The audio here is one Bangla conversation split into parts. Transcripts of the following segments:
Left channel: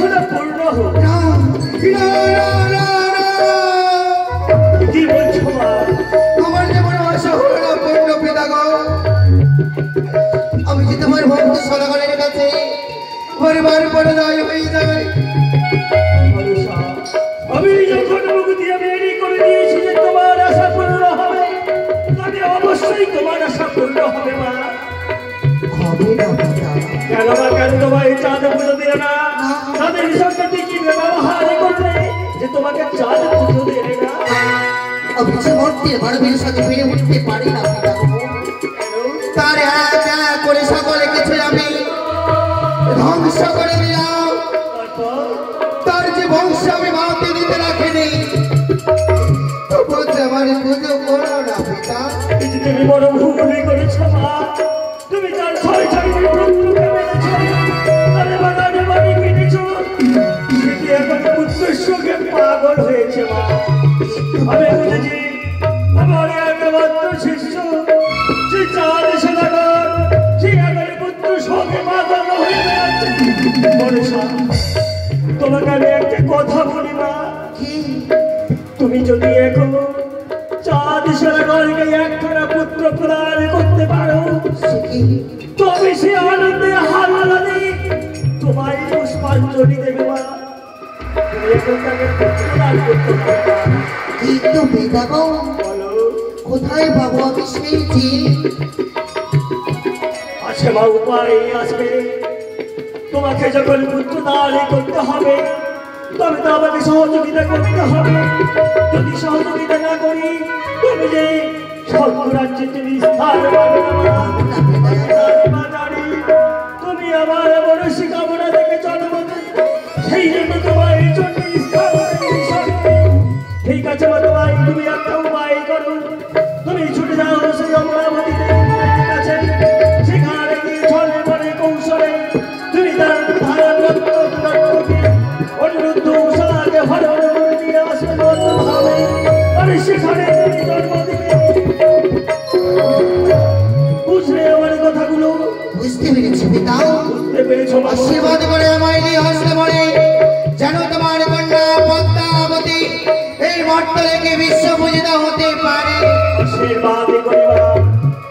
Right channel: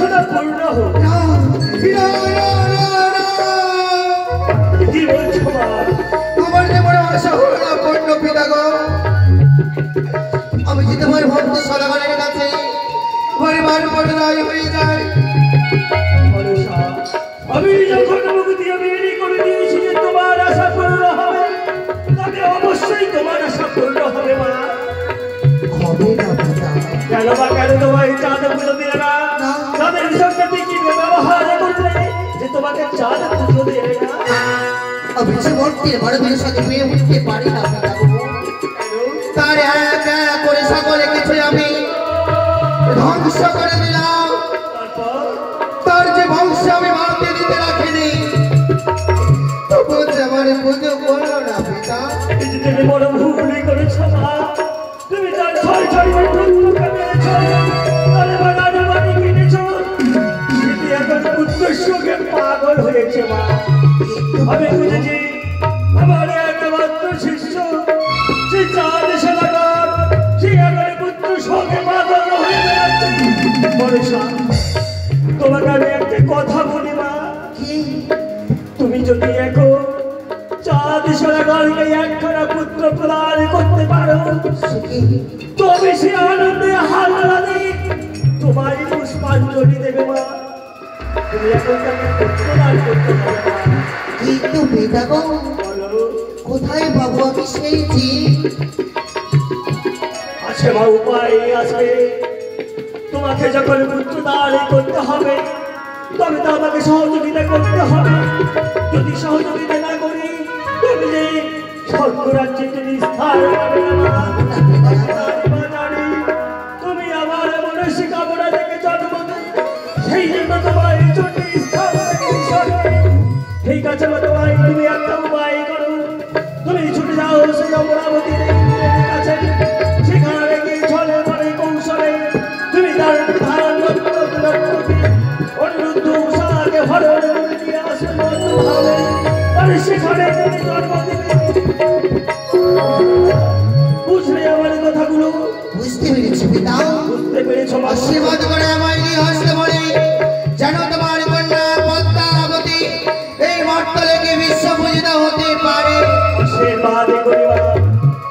বাসনা পূর্ণ হোক। কি বলছো মা? আমার যেমন আশা হলো না পূর্ণ পিতা গো। আমি যে তোমার ভক্ত সরকারের কাছে পরিবার পরিণয় হয়ে যায়। আমি যখন মুখ দিয়ে বেরি করে দিয়েছি যে তোমার আশা পূর্ণ হবে, তবে অবশ্যই তোমার আশা পূর্ণ হবে মা। হবে না পিতা। কেন বা কেন তোমায় চাঁদ পুজো দিলে না? তাদের সঙ্গে কি ব্যবহার করলে যে তোমাকে চাঁদ পুজো দেবে না? আমি যে মর্তের মানবের সাথে পেয়ে উঠতে পারি না পিতা গো। তার এক এক করে সকলে কিছু আমি ধ্বংস করে দিলাম। তার যে বংশ আমি মানতে দিতে রাখিনি, তবু যে আমার পুজো করো না পিতা। তুমি বড় ভুল করেছো মা। তুমি তার ছয় ছয় পুত্রকে মেরেছো, তাহলে বাগানে বাড়ি কিনেছো। সেটি এখন পুত্রের সঙ্গে পাগল হয়েছে মা। আমি বুঝেছি আমার একমাত্র শিষ্য সে চাঁদ এসে লাগান, সে একেবারে পুত্র সঙ্গে পাগল হয়ে বেড়াচ্ছে। বর্ষা, তোমাকে আমি একটি কথা বলি মা। তুমি যদি এখন চাঁদ সরকারকে একখানা পুত্র প্রদান করতে পারো, তবে সে আনন্দে হারালা দিয়ে তোমায় পুষ্পাঞ্জলি দেবে মা। তুমি এখন তাকে পুত্র দান করতে পারো। কিন্তু পিতা গো, কোথায় পাবো আমি সেই জিন? আছে মা, উপায় আছে। তোমাকে যখন পুত্র দান করতে হবে, তবে তো আমাকে সহযোগিতা করতে হবে। যদি সহযোগিতা না করি, তুমি যে স্বর্গরাজ্যে নিস্তার পাবে না মা। তুমি আমার মনসী কামনা থেকে জন্ম দেবে, সেই জন্য তোমার এই জন্য ঠিক আছে মা। তোমার তুমি একটা উপায় করো। তুমি ছুটে যাও সেই অমরাবতী দেবীর কাছে। সেখানে গিয়ে ছলে পরে কৌশলে তুমি তার ধারণ অনুরুদ্ধ উষাকে হরণ করে দিয়ে আসে ভাবে, তবে সেখানে তুমি জন্ম দেবে। বুঝলে আমার কথাগুলো? বুঝতে পেরেছি পিতা। বুঝতে পেরেছ? আশীর্বাদ করে আমায় দিয়ে আসতে পারে যেন তোমার কন্যা পদ্মাবতী এই মর্তলে বিশ্ব পূজিত হতে পারে। আশীর্বাদ করিবা।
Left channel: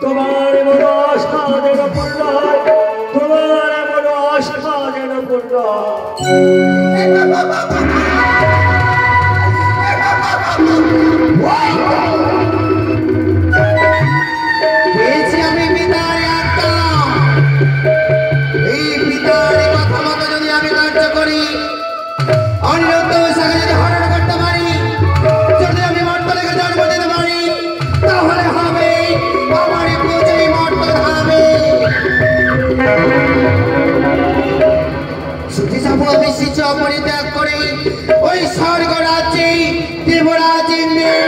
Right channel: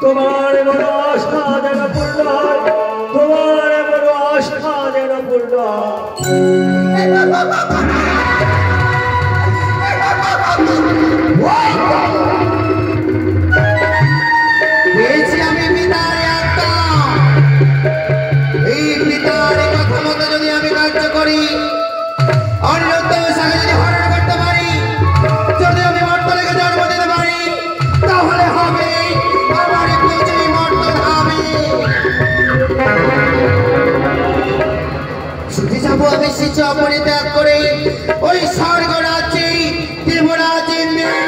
তোমার বড় আশা যেন পূর্ণ হয়, তোমার বড় আশা যেন পূর্ণ পেয়েছি আমি পিতার আত্মা। এই পিতার কথা মতো যদি আমি কার্য করি, অনুরুদ্ধ উষাকে যদি হরণ করতে পারি, যদি আমি মর্তলেকে জন্ম দিতে পারি, তাহলে হবে আমার পুজোই মর্তল হবে। ছুটে যাবো আমি শিষ্য পরিত্যাগ করে ওই স্বর্গ রাজ্যে দেবরাজ ইন্দ্রের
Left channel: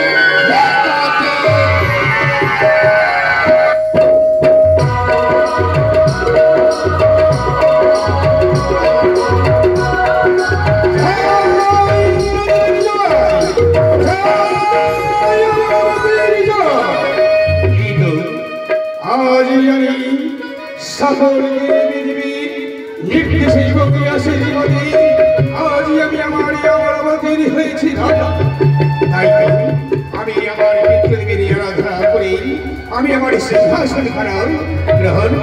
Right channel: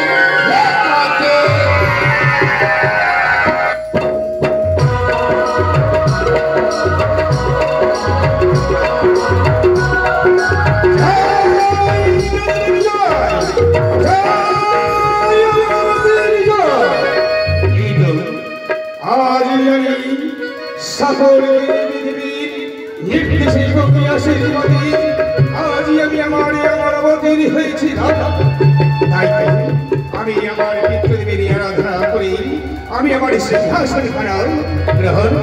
রাজ্যে। আজ আমি সকল নির্দেশে যোগী আশীর্বাদী আজ আমি আমার অমরাবতীর হয়েছি রাজা। তাই আমি আমার পিতৃদেবীর আরাধনা করি, আমি আমার সিংহাসন খানা গ্রহণ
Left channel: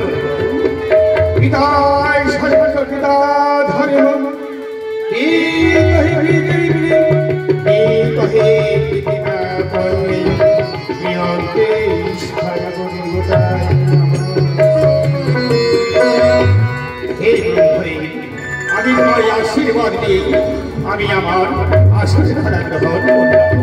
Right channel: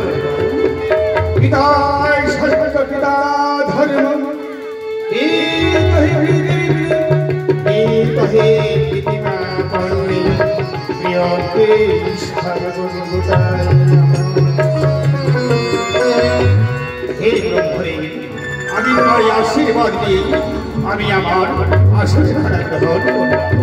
পিতায় সর্বত পিতা ধর্ম আমি তোমার আশীর্বাদ দিয়ে আমি আমার আসন খানা গ্রহণ করলাম।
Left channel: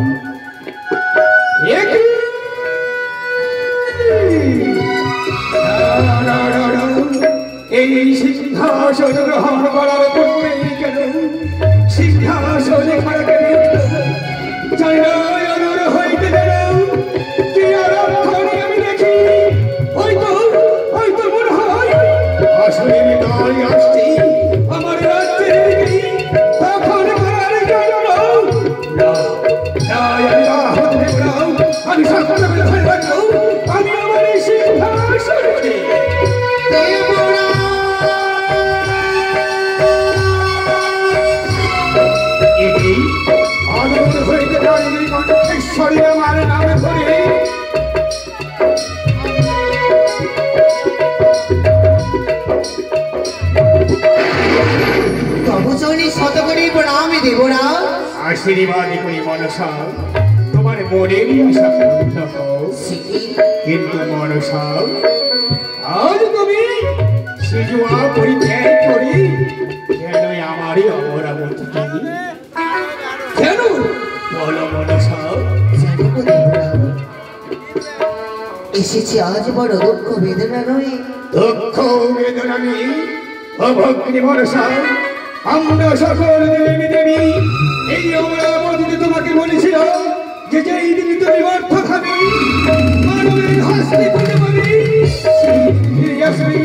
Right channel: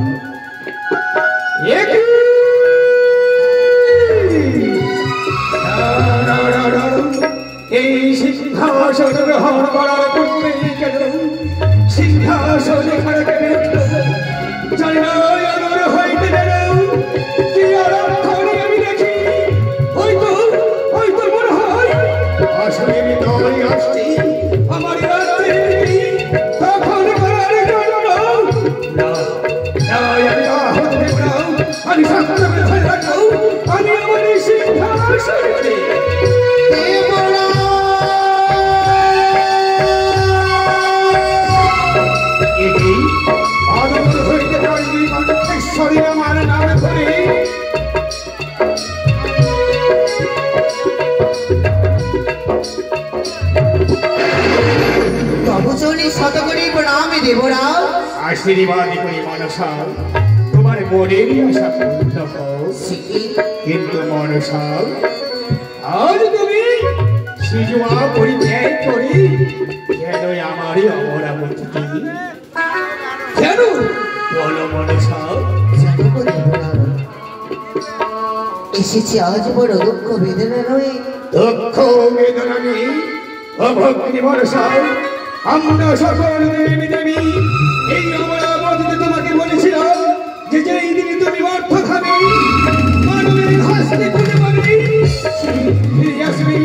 এই সিংহাসন গ্রহণ করার পূর্বে কেন সিংহাসনে খারাকে জয় অনুর হইতে গেল কি আরক্ষণে আমি দেখি হয়তো মনে হয় আসলে নয় আসছি আমার রাজ্যে তখন করার জন্য আমি সকলে ধরে রাখো আমি আমার সিংহাসনে আশীর্বাদ করি মনসা তোমার মনেরই আশা পূর্ণ হোক। কিন্তু মনসা আজ তুমি শিশুমা পরিত্যাগ করি কেন আমারই অমরাবতীকে কেন বলো মনসা? এসেছি আজ বড় দুঃখ বেদনা নয়। দুঃখ বেদনা নেই অভগ্নি মনসা, আমরা সকল দেবী দেবী এই অমরাবতীতে তোমাকে বলেছিল যে যেই দিন তুমি অর্থ খাবে মানবের হাসতে খুঁজে পাবে সেই আসবে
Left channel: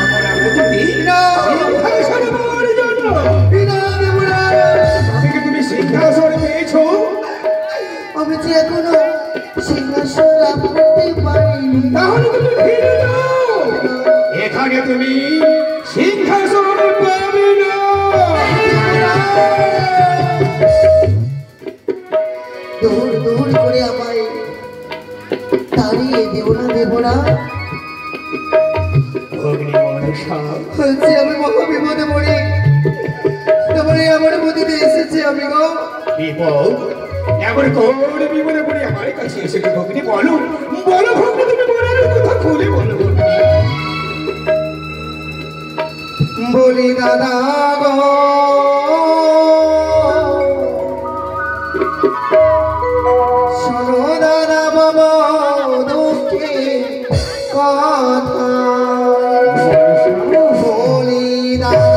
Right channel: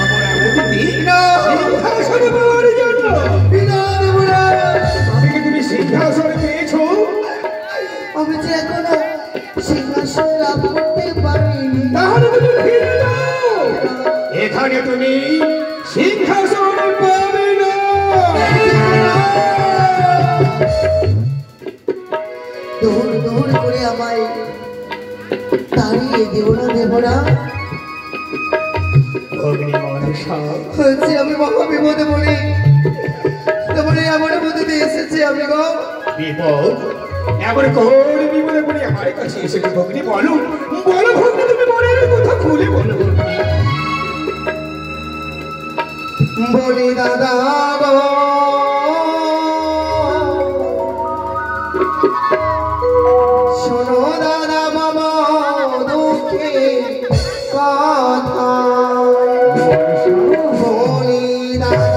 অমরাবতী সিংহাসন পাওয়ার জন্য। আমি কি তুমি সিংহাসন পেয়েছো? আমি যে এখনো সিংহাসন লাভ করতে পারিনি। তাহলে তুমি ফিরে যাও, এখানে তুমি সিংহাসন পাবে না। দৌড় দৌড় করে আমায় তাড়িয়ে দেব না দেবরা। আমি মহা বিপদে পড়ি, তোমার আমার মধ্যে এসেছে আমি গো বিপদ। এবার কোন বিপদে পড়ে আমার কাছে এসেছে ভগ্নি? বলো বলো ভগ্নি, তুমি মনের কথা খুলে বলো ভগ্নি। বলি দাদা গো শোনো দাদা বাবা দুঃখে কথা বলি দাদা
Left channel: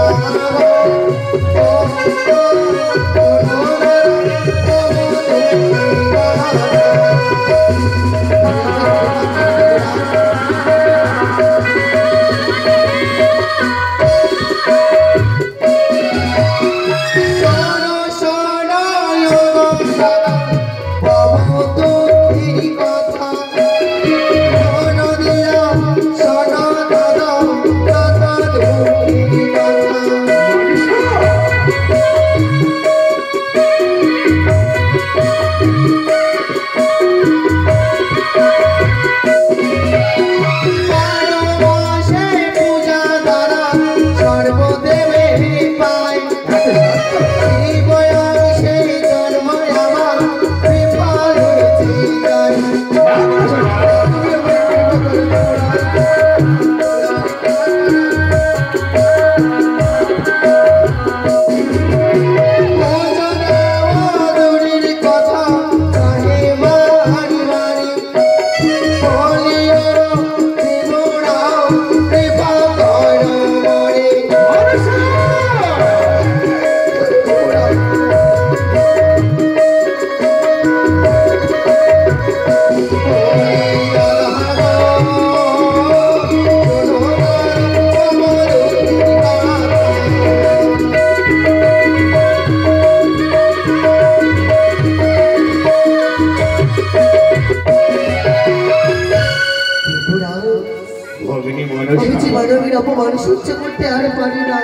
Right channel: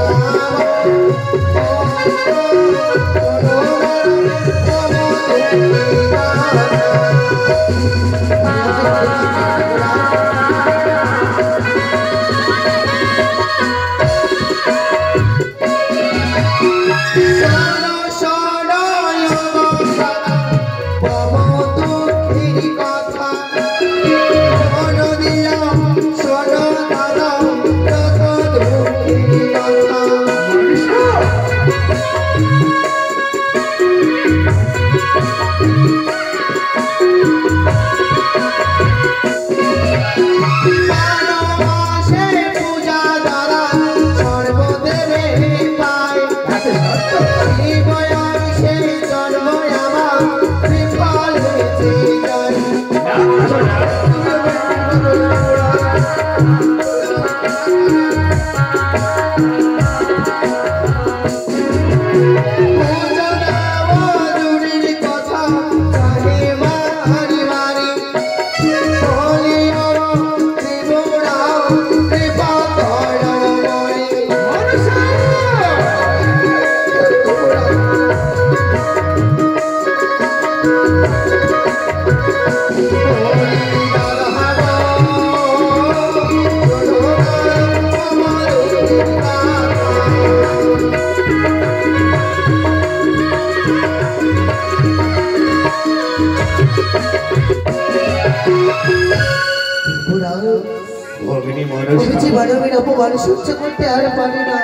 মানবের অপমান সহ্য করতে আর পারি না।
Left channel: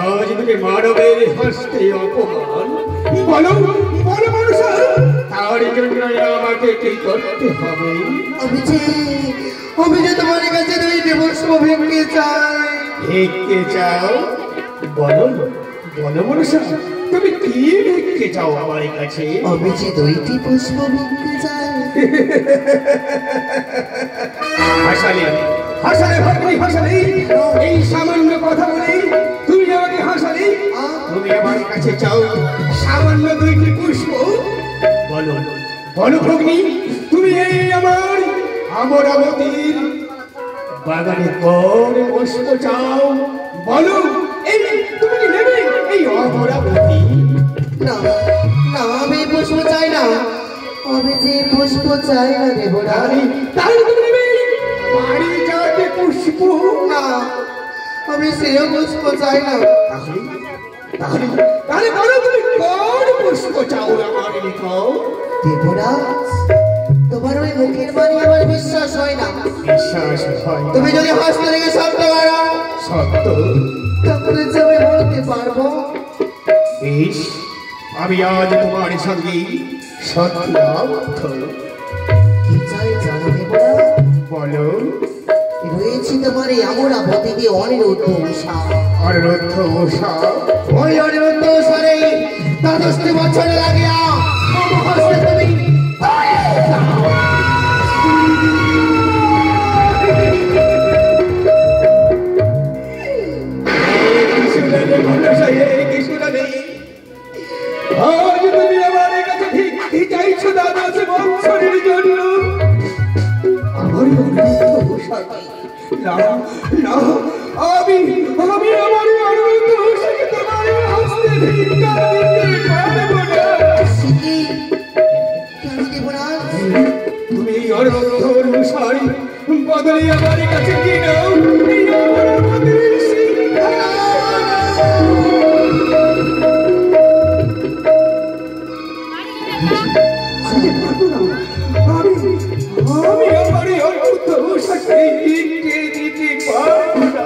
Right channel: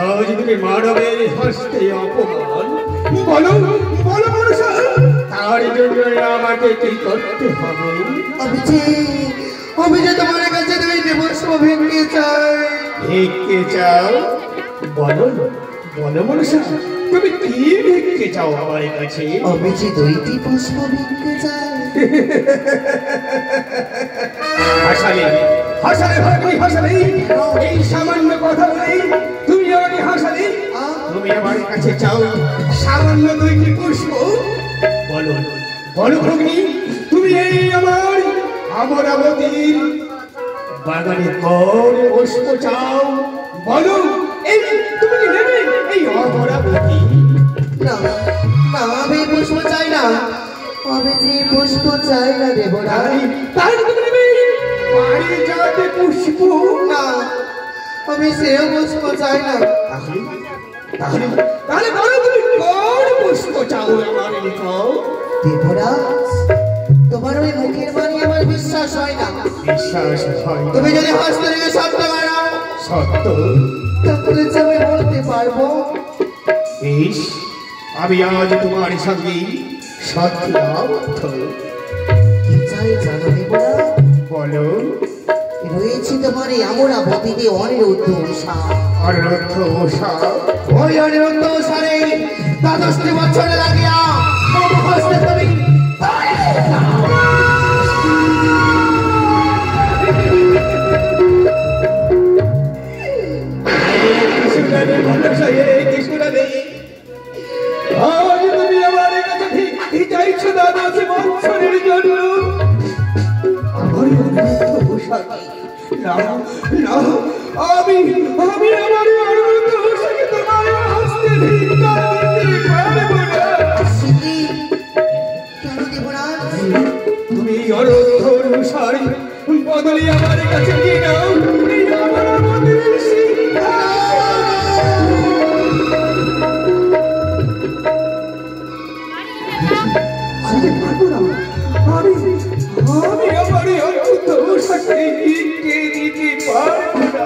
আজ তুমি মানবের হস্তে অপমান বলো বলো মনসা, তার জন্য আমাকে কি করতে হবে? আমি যে তোমার কাছে দুইটি পুষ্প ভিক্ষে চাই। ভিক্ষে চাও? বলো বলো মনসা, তুমি কি ভিক্ষে চাও আমার কাছে? আমি যে দুইটি পুষ্প ভিক্ষে চাই। হাসালে হাসালে ভাবি হাসালে, এই সামান্য কথা বলে তুমি আমাকে হাসালে? তুমি আমার কাছে চাও সামান্য দুইটি পুষ্প? বলো বলো ভগ্নি, তুমি এই আমার অমরাবতীর বাগানে কোন পুষ্প চাও? বলো এই তুমি নেবে এই অমরাবতী? না না, আমি পুষ্প চাই না, আমি যে পুষ্প চাই না দেব না। তাহলে তুমি নেবে বাড়ি যাতে পুষ্প? না, আমি সেও পুষ্প চাই না। তাহলে তাহলে বলো তুমি কোন পুষ্প চাও আমার? লিখো। দেবরাজ, তোমার ওই মুখের বাণী আমার বিশ্বাস হয় না। বিশ্বাস হয় না? তুমি যদি হাসতে লেগে সত্য করো, সত্য তাহলে যে আমি বলতে পারবো। বেশ, আমি আজ তোমার সঙ্গে সত্য কি চাই জানো দেবরাজ? বলো। রয়েছি তোমার এই অমরাবতীতে অনিরুদ্ধ উষা। অনিরুদ্ধ উষা? ওই অনিরুদ্ধ উষারে দ্বাদশটি বছরে লাগিয়া মম হস্তে তুমি আজ তুমি আমার কাছে ঠিক চাইছো দ্বাদশ বছরের জন্য আমার আমি আমার অনুরোধকে তোমার হস্তে ধিক্কার দিতে পারবো না। তুমি অনুরোধ অনুসারী বদলে আমার কাছে কি নাও আমি আমার অনুরোধ দিতে পারবো না।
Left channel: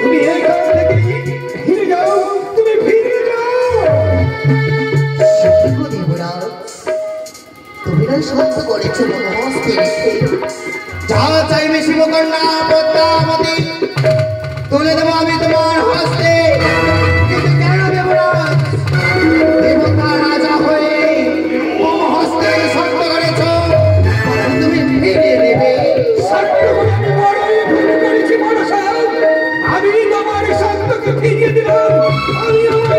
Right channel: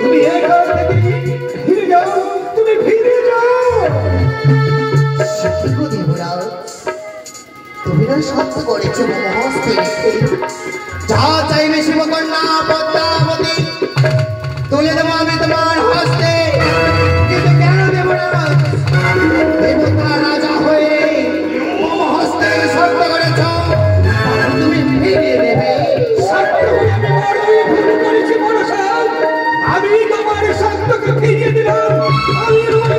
তুমি এখান থেকে ফিরে যাও, তুমি ফিরে যাও। তুমি না সত্য করেছো মহস্তে যা চাইবে শিবকন্যা পদ্মাবতী তুলে দেবো আমি তোমার হস্তে, কিন্তু কেন দেব না? দেবতা রাজা হয়ে মম হস্তে সত্য করেছ, তুমি ফিরিয়ে দেবে। আমি তোমার সত্যকে ফিরিয়ে দিলাম। আমি আমার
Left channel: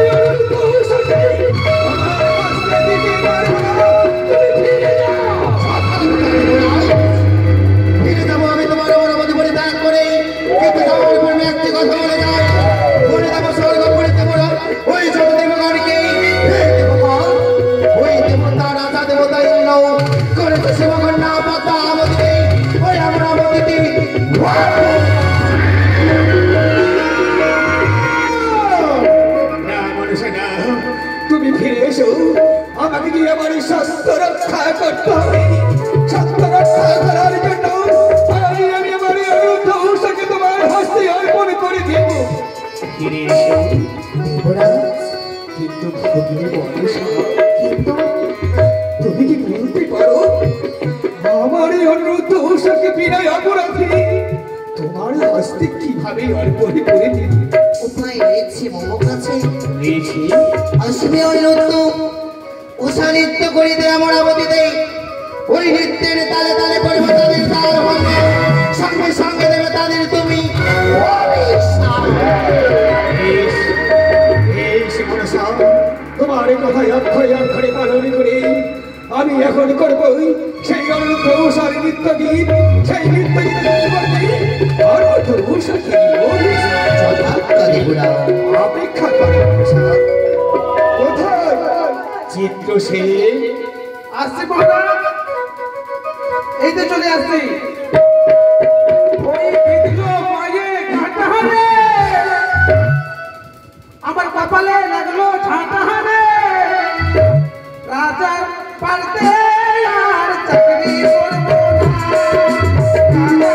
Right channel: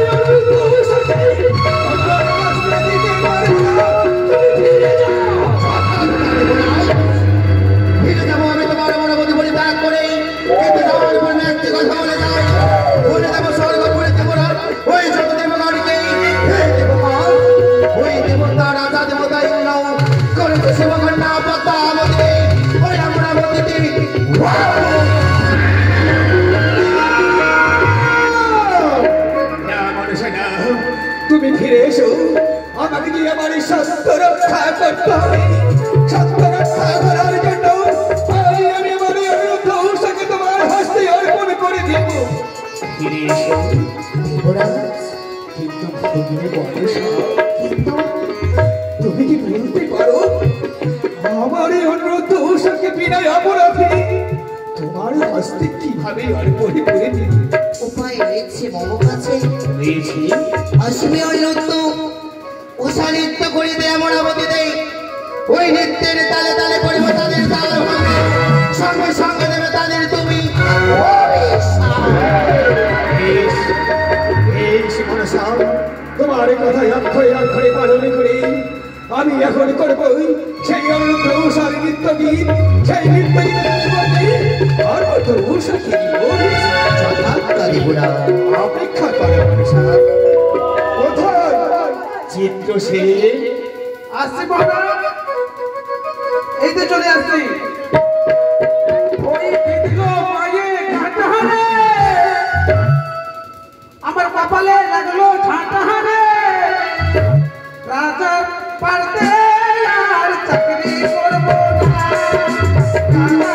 ফিরে যাবো আমি তোমার অনুমতি বলে ত্যাগ করে, কিন্তু যাওয়ার পর একটি কথা বলে যাই, বলে দেবো স্বর্গ করে দেবো না ওই ছোট দেবগণকে। ওই দেবতা রাজা দেবতা ইন্দ্র করেছে শিবকন্যা পদ্মাবতীকে ওই অমরাবতীতে তুমি ফিরে এসো, আমাকে দিয়ে আমার সত্য রক্ষা করতে হবে। সত্য রক্ষা করার জন্য আমি আমার অনুরোধকে তোমার হস্তে অর্পণ করে দেব। ফিরে এসো কিন্তু তুমি তুমি কি বলতে পারো আমার এই অনুরোধ ওষাকে বিনয় অপরাধী তোমার হস্তে কিভাবে অর্পণ করে দিবে? উপায় রয়েছে মম কাছে। রয়েছে? আসবে ওই নৃত্য উষা নৃত্য করিতে অমরাবতীতে, ওই নৃত্যের তালে তালে পড়ব তাদের তাল হবে, সঙ্গে সঙ্গে দেবে তাদের তুমি তোমার কথায় অক্ষরে অক্ষরে পালন করে আমি এখন করবো সেই অনুরোধ উষার নৃত্য গীত। সেই নৃত্য অপেক্ষা করে কোথায় চিত্র সে আসছে? এই তো চলে আসছি। আমার কপালে লাগলো ঝাঁটাহারে, রাজা পারতে আর চাকরি করবো না।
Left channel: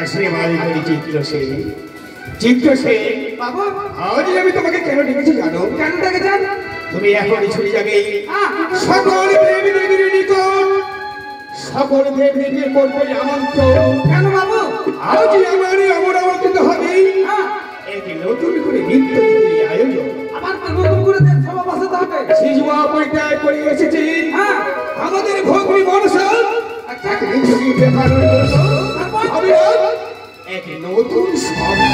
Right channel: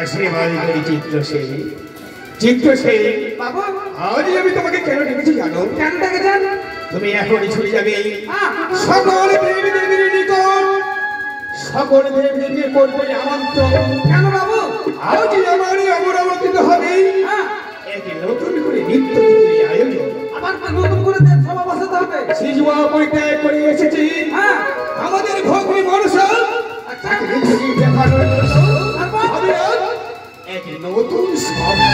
আশীর্বাদ করি চিত্র সে। চিত্র সে বাবু আজই আমি তোমাকে কেন ডেকেছি জানো? কেন দেখেছেন? তুমি এখনই ছুটে যাবে সকল দেবী দেবীর নিকট। সকল দেবী দেবীর করবে আমন্ত্রণ। কেন বাবু? আজই আমার অমরাবতীতে হবে এক নতুন করে নৃত্য গীতের আয়োজন। আবার তো নতুন করে সভা বসাতে হবে। শিশুয়া পরিত্যাগ করে এসেছি আমাদের ভগ্নী মনসা। আচ্ছা নৃত্য গীত দেখানোর জন্য আমি আজ এক নতুন সভা।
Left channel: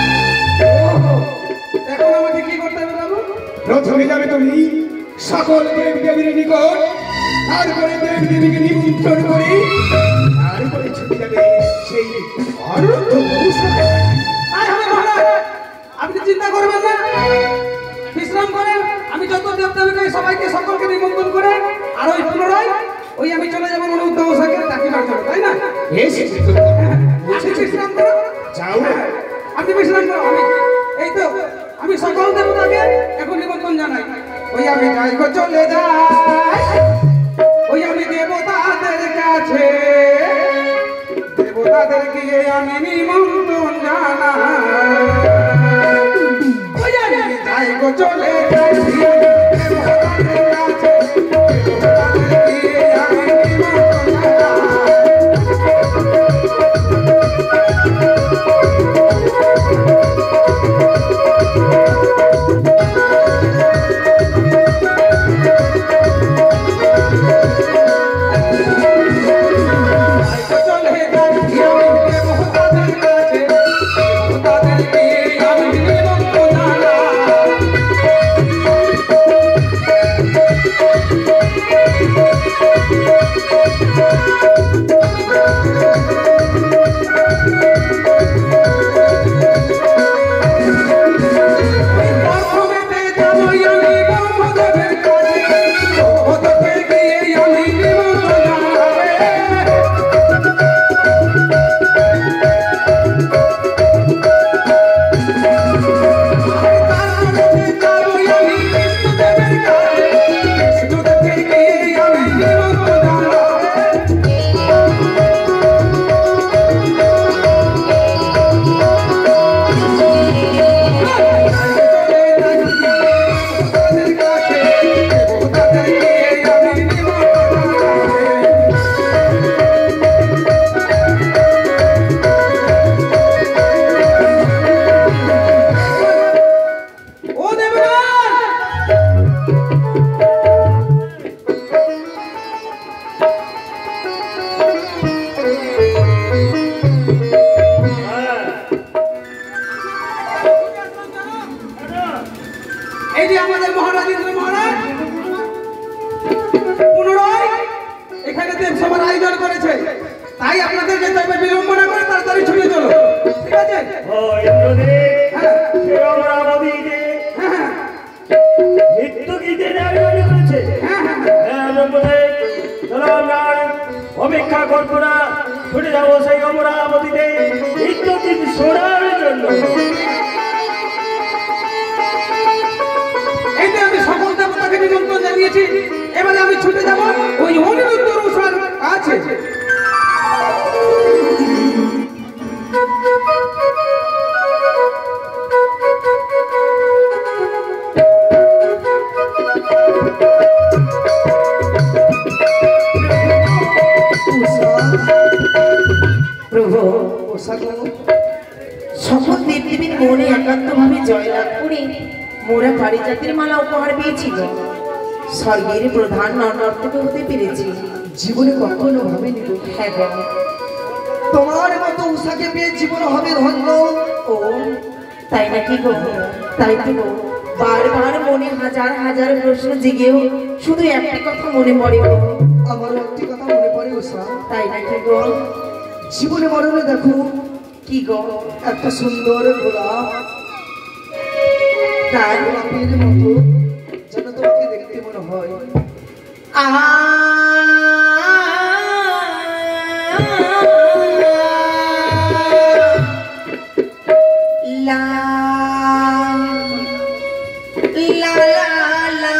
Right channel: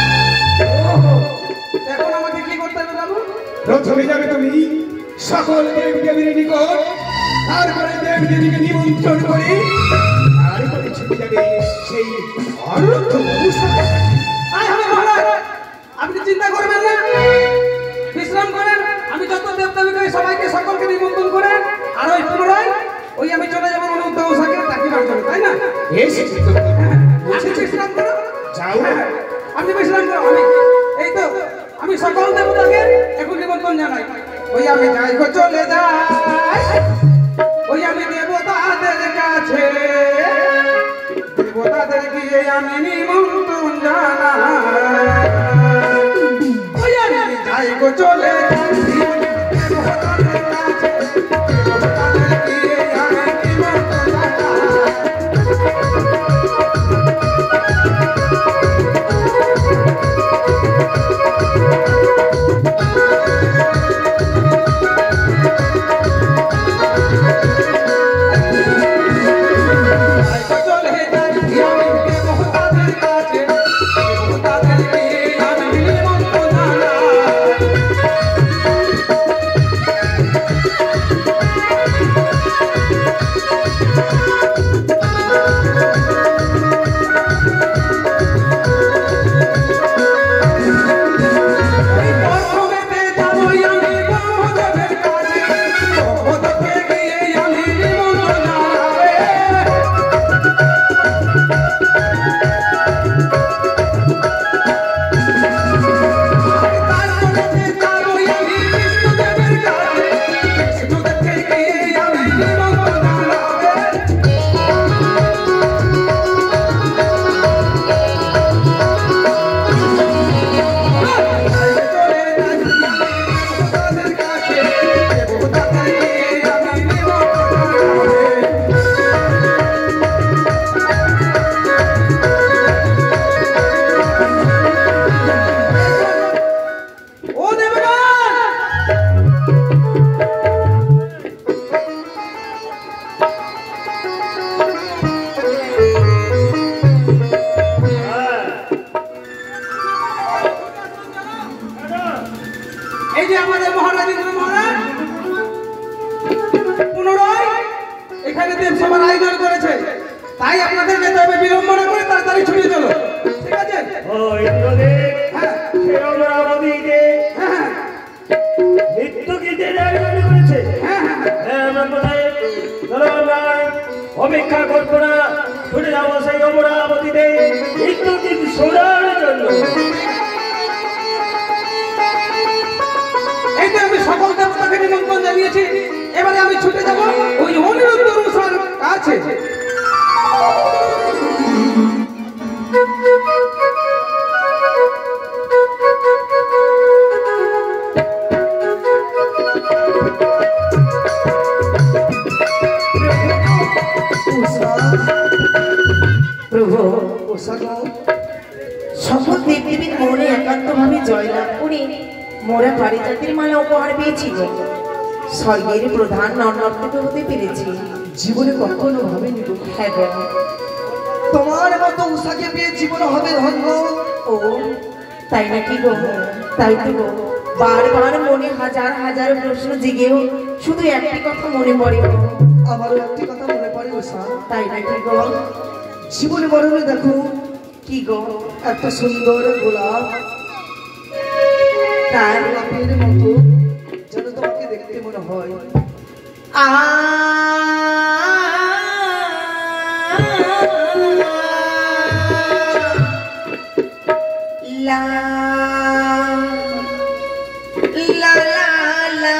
এখন আমাকে কি করতে হবে বাবু? প্রথমে যাবে তুমি সকল দেব দেবীর নিকট, তারপরে দেব দেবীকে নিমন্ত্রণ করে তারপরে ছুটে যাবে সেই অনন্ত অনুষ্ঠানে। আপনি চিন্তা করবেন না, বিশ্রাম করেন। আমি যত দেবদেবীকে সবাইকে সকলকে নিমন্ত্রণ করে আর ওই পুনরায় ওই আমি চলে যাবো অনুদ্ধ ওষাকে চাকরিবার জন্য, তাই না? আপনি বিশ্রাম করো, যাও আপনি বিশ্রাম করো। এই তো আমি সকল দেবতাকে এখন নিমন্ত্রণ জানাই। ওই আমি যাই গো চলে যাই, ওই আমি দেবতাদের কাছে, দেবতাদের দিয়ে আমি নিমন্ত্রণ জানাই। ওই আমি যাই গো চলে যাই, দেবতাদের কাছে, দেবতাদের দিয়ে আমি নিমন্ত্রণ জানাই। ছুটে যাবো সেই অমরাবতীতে ইন্দ্রজিৎ সোনার জন্য। এই যে আমি সকল দেবতাকে নিমন্ত্রণ জানিয়েছি, এবারে আমি ছুটে যাব ওই অনিরুদ্ধ রুষার কাছে। প্রভু সকল দেবদেবীর মনে একান্ত ভাবে জয়লাভ করে মোরা পারিজাতের মালা উপহার পেয়েছিল। স্বর্গের প্রধান নর্তকী হতে পেরেছি, জীবনে কখনো হবে নি। হ্যাঁ গো, তোমার মতো উষাকে পেয়ে জীবন হবে ধন্য। ও তাই নাকি গো? তাই তো গো, বারবার মনে হাজার হাজার প্রশ্ন জেগেও শুধু একটি কথা মনে পড়ে। আমারও একটি কথা মনে পড়ে উষা। তাই নাকি গো? জীবনে মরণে দেখো কি গো, এত সুন্দর গোলাপ, তার গোলাপের মতো যেন তোমাকে দেখতে মনে হয়। লা লা লা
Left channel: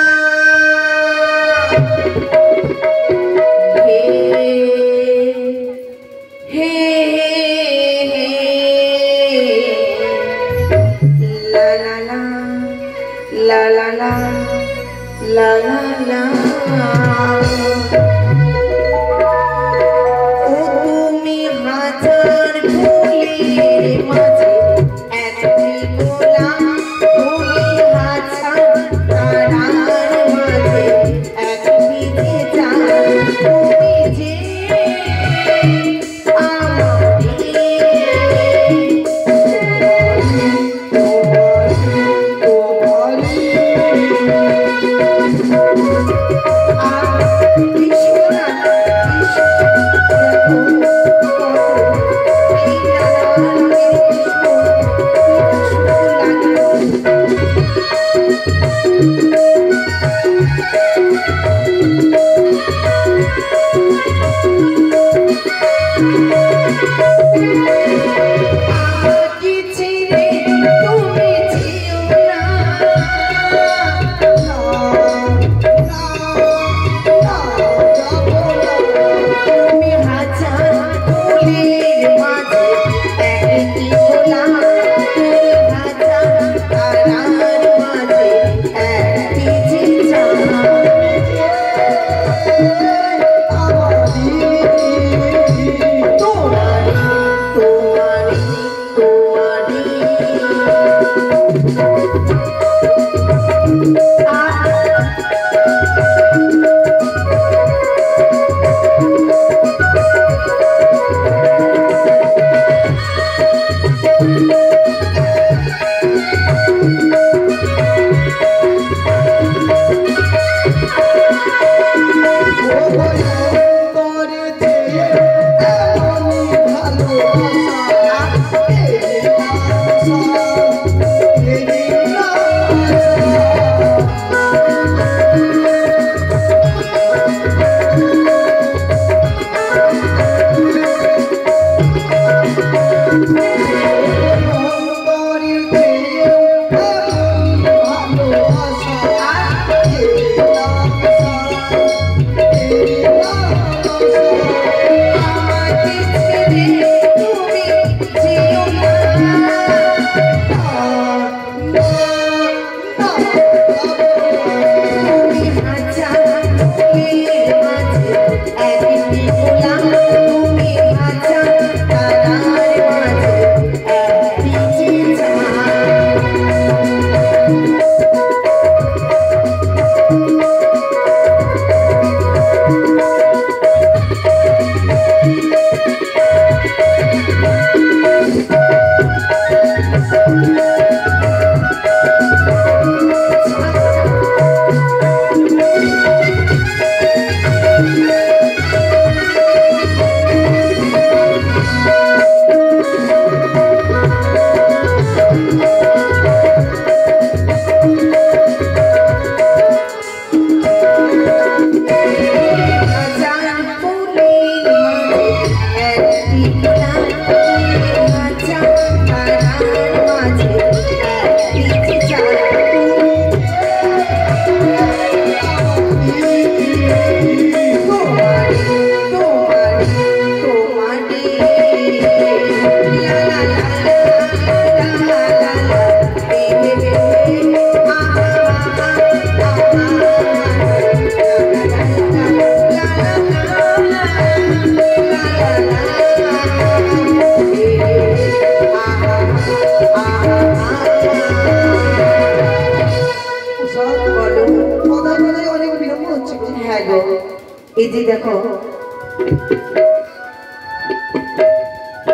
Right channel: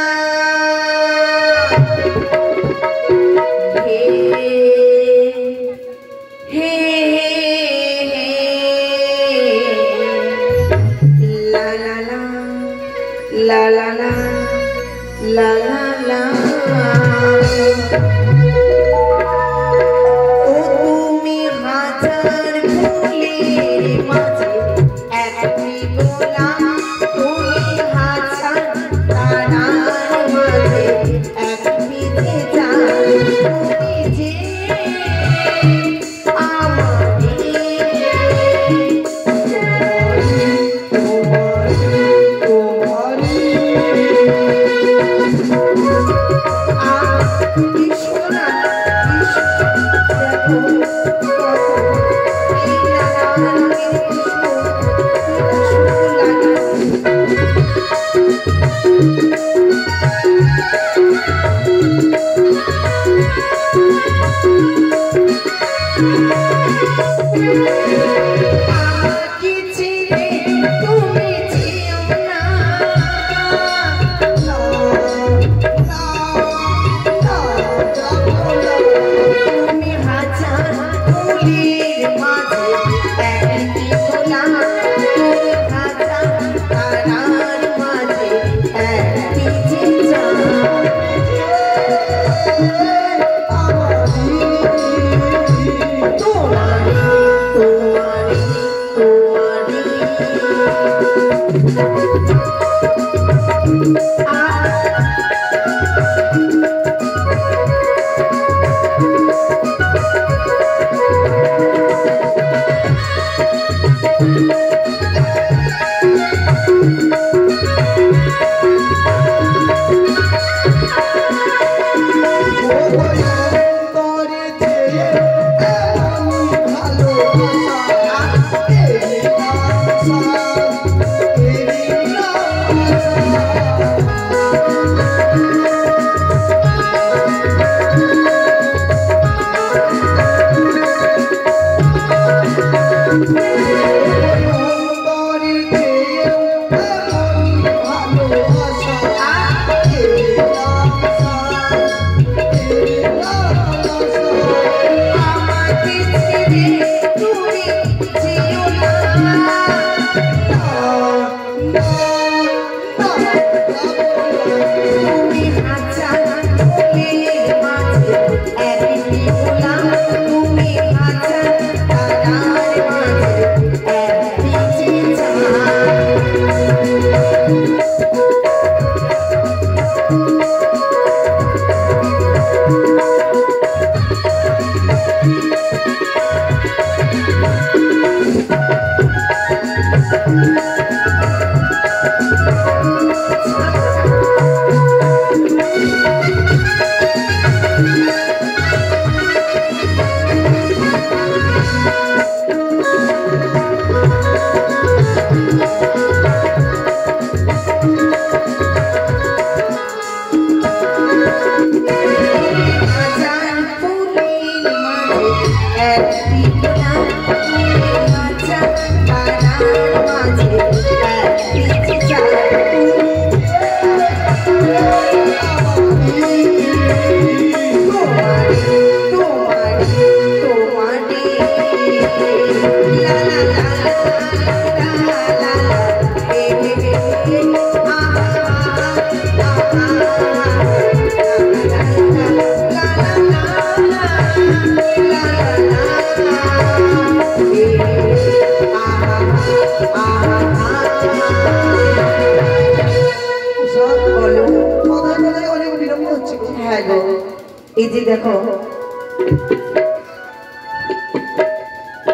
এই যে দেখো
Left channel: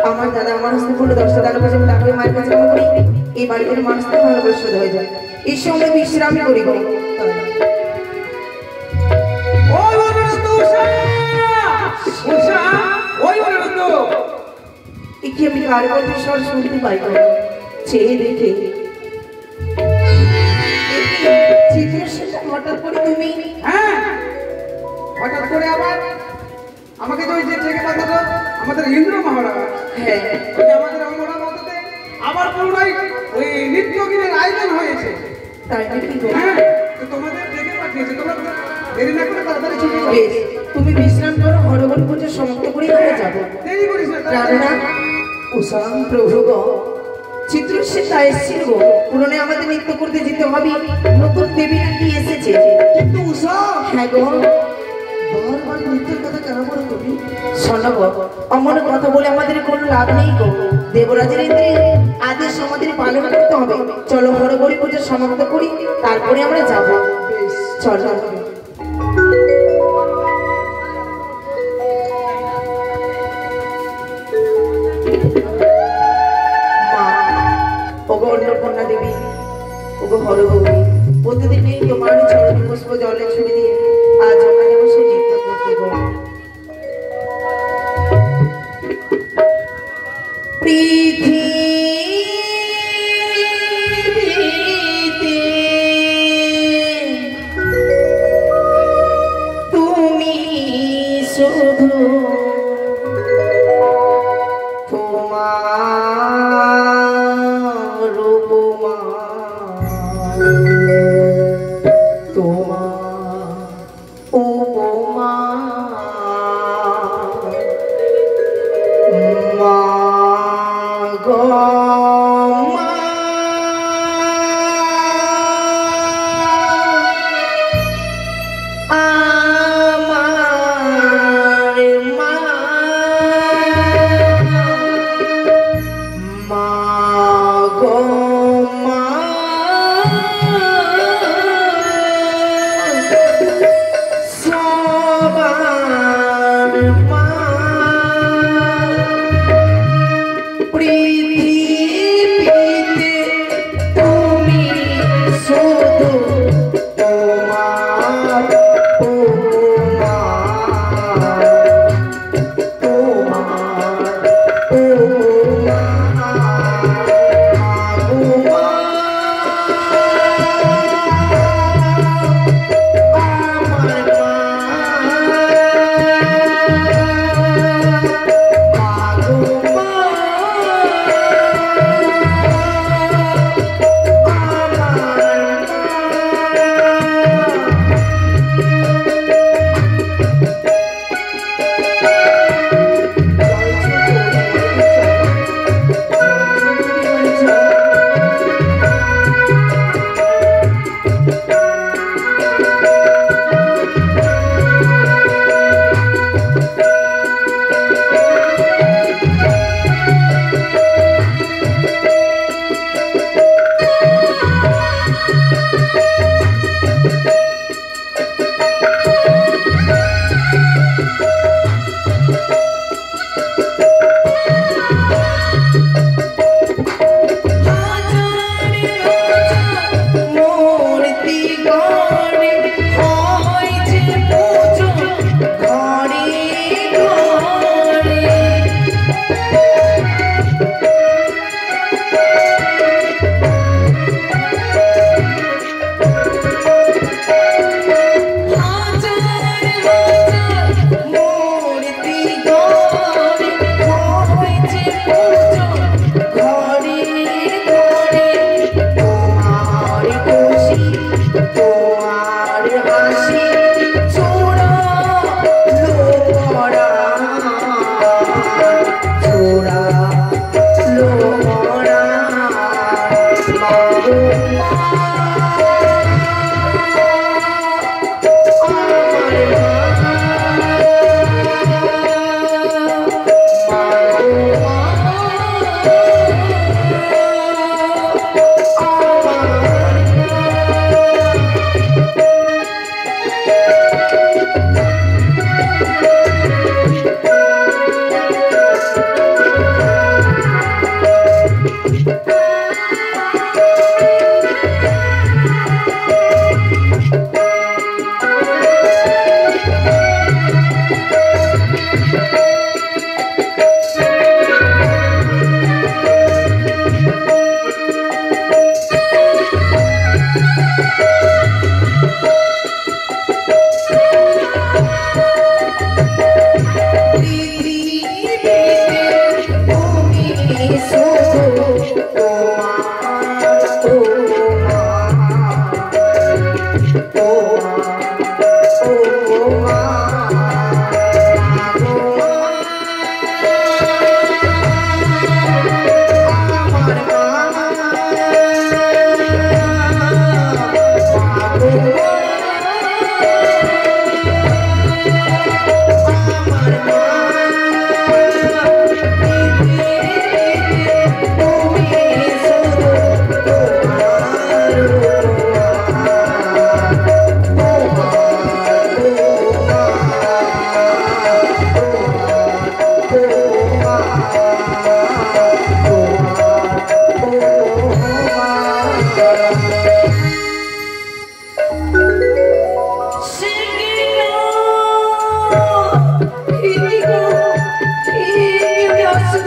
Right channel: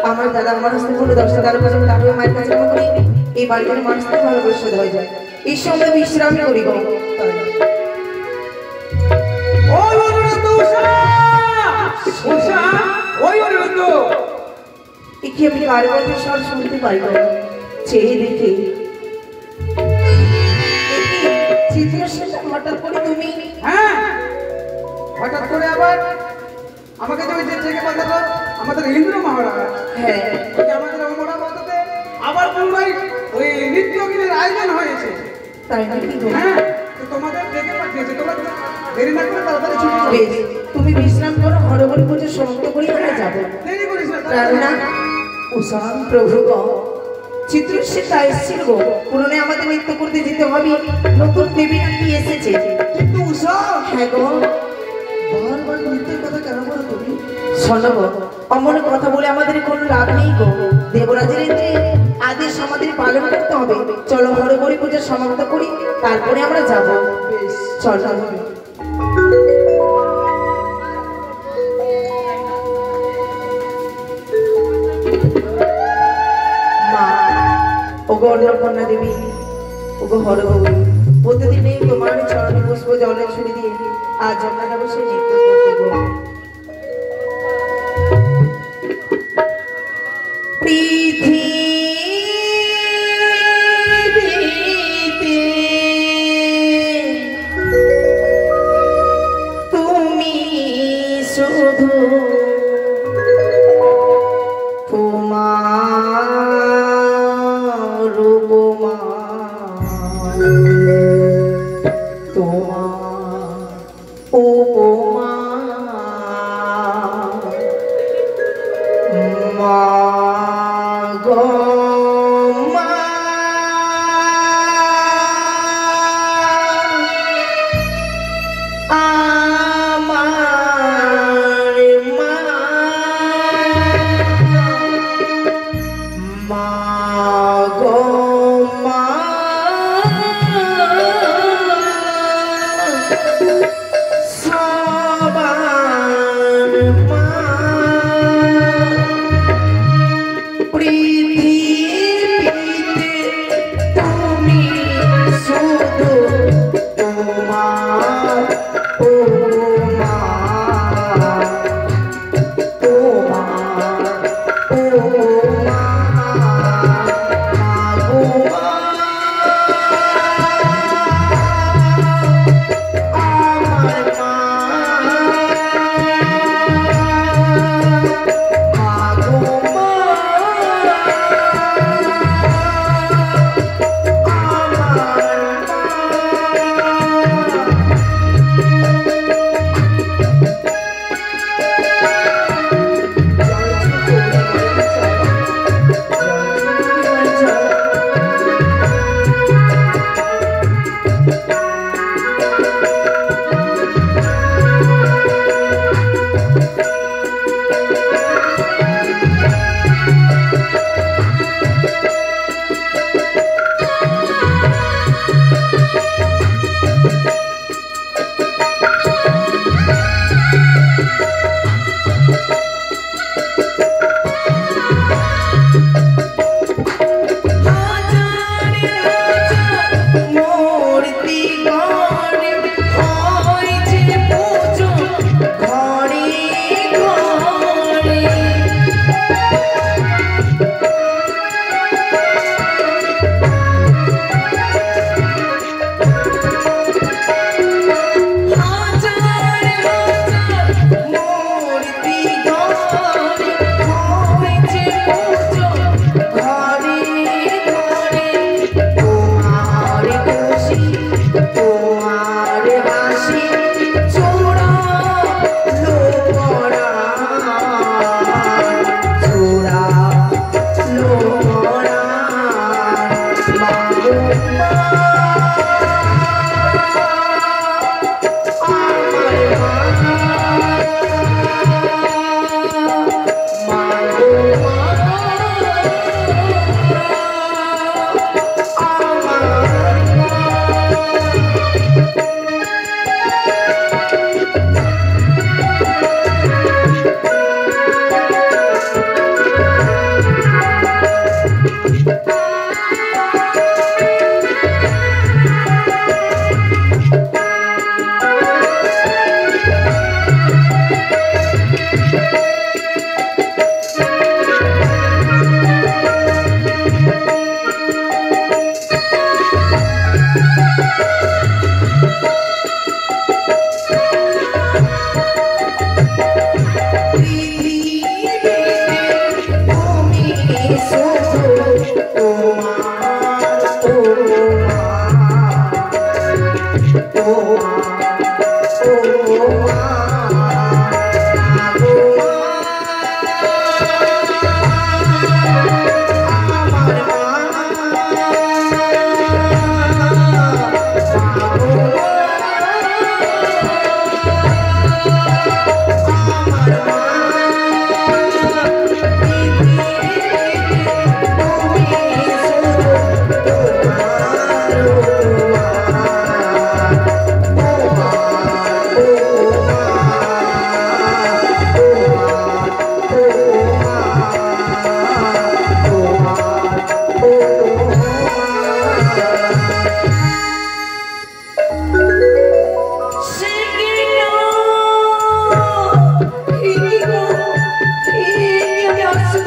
আমার দাদা আমার হস্তে পুরো 10টা 12 বছর তারপরে মায়ের কাছে আমি করি এই বাড়ির মানুষকে ভালোবাসা হয়ে যায় এই সময় বিশ্রাম করি গো ওই অনুরোধ উষা উষা ওই অনুরোধ কি আমি কার বলতে স্বর শুনতে পাই গো চেয়ে দেখে হঠাৎ করে তুমি হ্যাঁ হঠাৎ করে আবার আমাকে তো ওই যে থেকে পাঠালো আমাদের ইন্দ্র মহারাজ হ্যাঁ ওই যে আমাদের অমরা মাতাতে আবার পুনরায় ওই নৃত্য গীতের আয়োজন হয়েছে তাই নাকি গো? হ্যাঁ তো তোমাদের ডেকে পাঠিয়েছে তোমরা দেরি না করে তাড়াতাড়ি ছুটি করো বেশ, তুমি বিশ্রাম করো হরগর পুজো সমাপ্ত করে আমরা যাবো দেরি করিস না রানা উষাম প্রভু গো চিত্রসেন তা এসেছিল গো পুরনে আমাদের নৃত্য করতে যেতে হবে নতুন দেবী নাকি এসেছে কিন্তু উষা হ্যাঁ গো বারবার মৃত্যুর কথা কেন বলো তুমি? শোনো গো অমন কথা বলে আমাদের কোনো লাভ নেই গো দেবরাজের ইন্দ্রে আদেশ আমাদের পালন করতে হবে চলো হরগরি পুজো সমাপ্ত করি তারপরে আমরা যাবো বেশ চলো মা ওগো অন্নপূর্ণা দেবী ওগো হরগৌরী প্রতিদিন এই তোমার চরণে পুষ্প জলে ছুড়ে দিয়ে আজ আমরা যাবো সে নৃত্য করতে গো পৃথিবীতে তুমি শুধু তোমার রূপমা তোমার উপমা মা গো মা আমার মা মা গো মা সবার মা পৃথিবী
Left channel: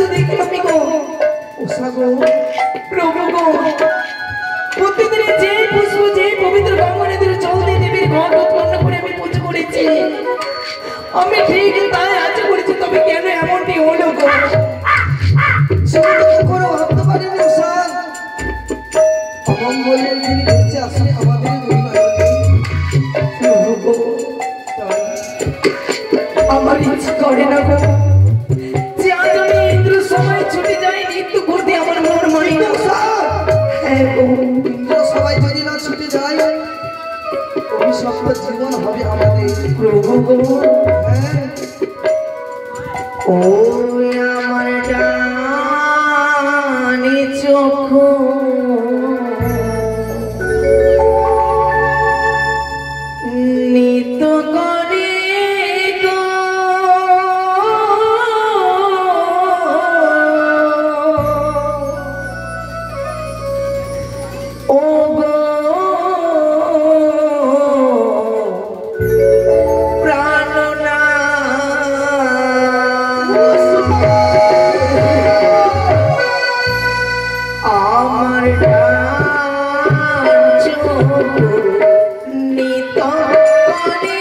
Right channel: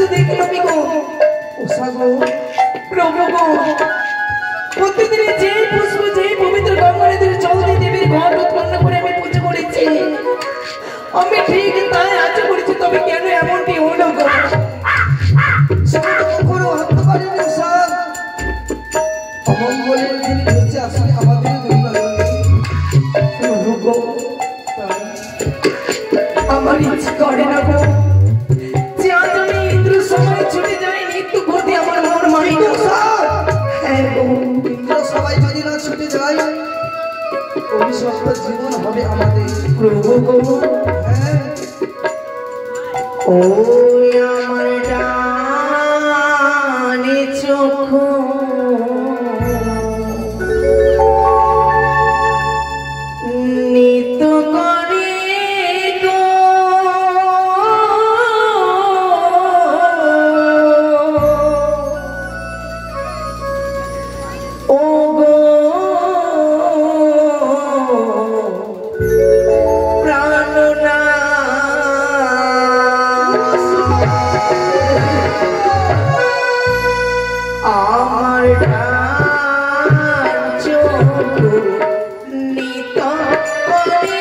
তো দেখলামই গো ওসাগো প্রভু গো প্রতিদিন যে পুষ্প যে পবিত্র গঙ্গা নদীর জল দিয়ে দেবীর ঘট উৎপন্ন করে আমি পুজো করেছি আমি ঠিক তাই আজ করেছি তবে কেন এমনটি হলো গো কোনো ভাবতে পারিনি ওসাগ অমঙ্গলের যিনি বেঁচে আসলে আমাদের দুই নয়নে প্রভু গো আমার ইচ্ছে করে না গো যে আজ আমি ইন্দ্র সময় ছুটে যাই নিত্য করতে আমার মন মাই গো হ্যাঁ গো ইন্দ্র সবাই যদি না ছুটে যায় অভিশপ্ত জীবন হবে আমাদের প্রভু গো হ্যাঁ ও আমার ডানে চোখ নিত করে গো ও গো আমার চোখ নিত করে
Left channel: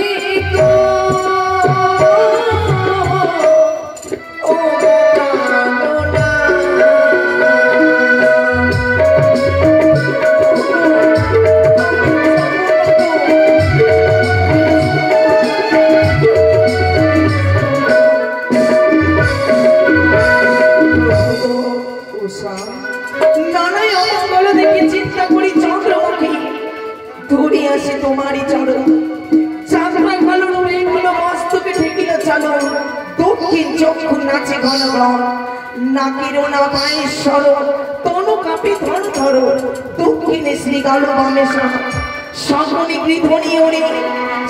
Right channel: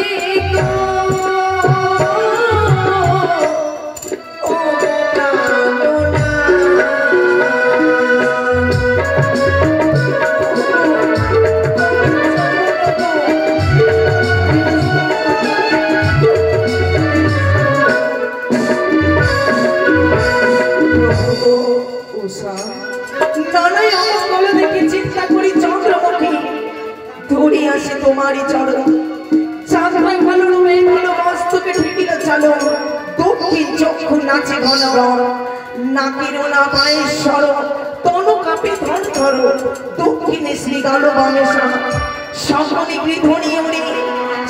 গো ও প্রাণনা নানাই অমঙ্গল দেখে চিন্তা করি চন্দ্রমুখী ধরে আসে তোমারই চরণ চাঁদা কালো মেঘগুলো মস্তকে ফেটিয়া চলো দক্ষিণ চক্ষু নাচে ঘনগণ নাকের না পায়ে সর তনু কাপে ধন ধর দক্ষিণে শ্রী গালো বামেশা সকলে গৃধনি ওরে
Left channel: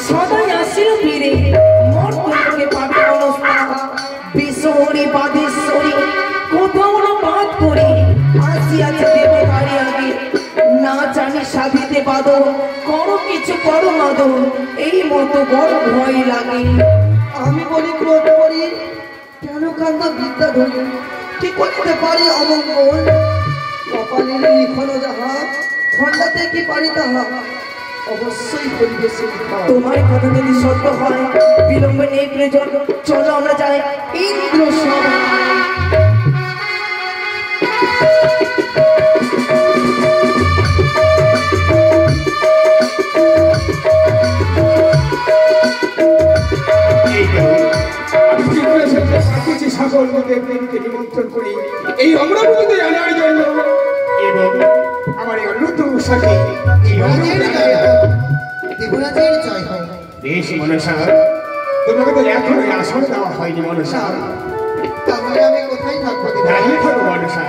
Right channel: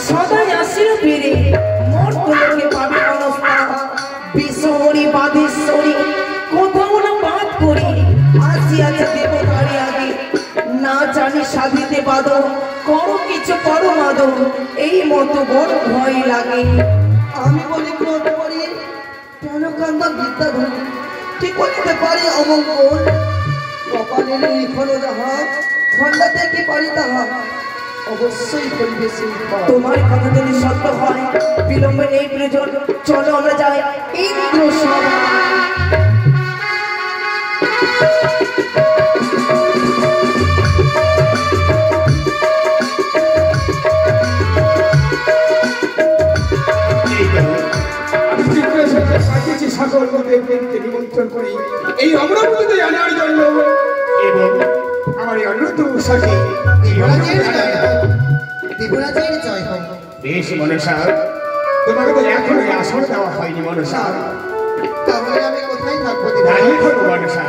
সদাই আসিল ফিরে মর্তলোকে পাবে অনস্তা বিশ্বহরি বাদেশ্বরী কোথাও না বাদ করি আসিয়াছে দেবতারি আগে না জানি সাধিতে বাদ করো কিছু করো মাদ এই মতো বড় ভয় লাগে আমি বলি ক্রোধ করি কেন কান্দা বিদ্যা ধরি কি করতে পারি অমঙ্গল কপালের লিখন যাহা খন্ডাতে কি পারি তাহা অবশ্যই করিবে সেই ফল। তোমার কথা যদি সত্য হয় বিলম্বে নেই প্রয়োজন চলো আমরা যাই ইন্দ্র সভা আমি জিজ্ঞাসা পাঠিয়েছি সকল দেবদেবকে নিমন্ত্রণ করি এই অমরাবতীতে আনার জন্য এবং আমার এই অন্যতম সাথে এই দেবরাজের জয় হোক। বেশ মনসা তোমাকে তো এখনো আসন দেওয়া হয়নি মনসা তাহলে আমি কোথায় থাকবো দাঁড়িয়ে থাকো মনসা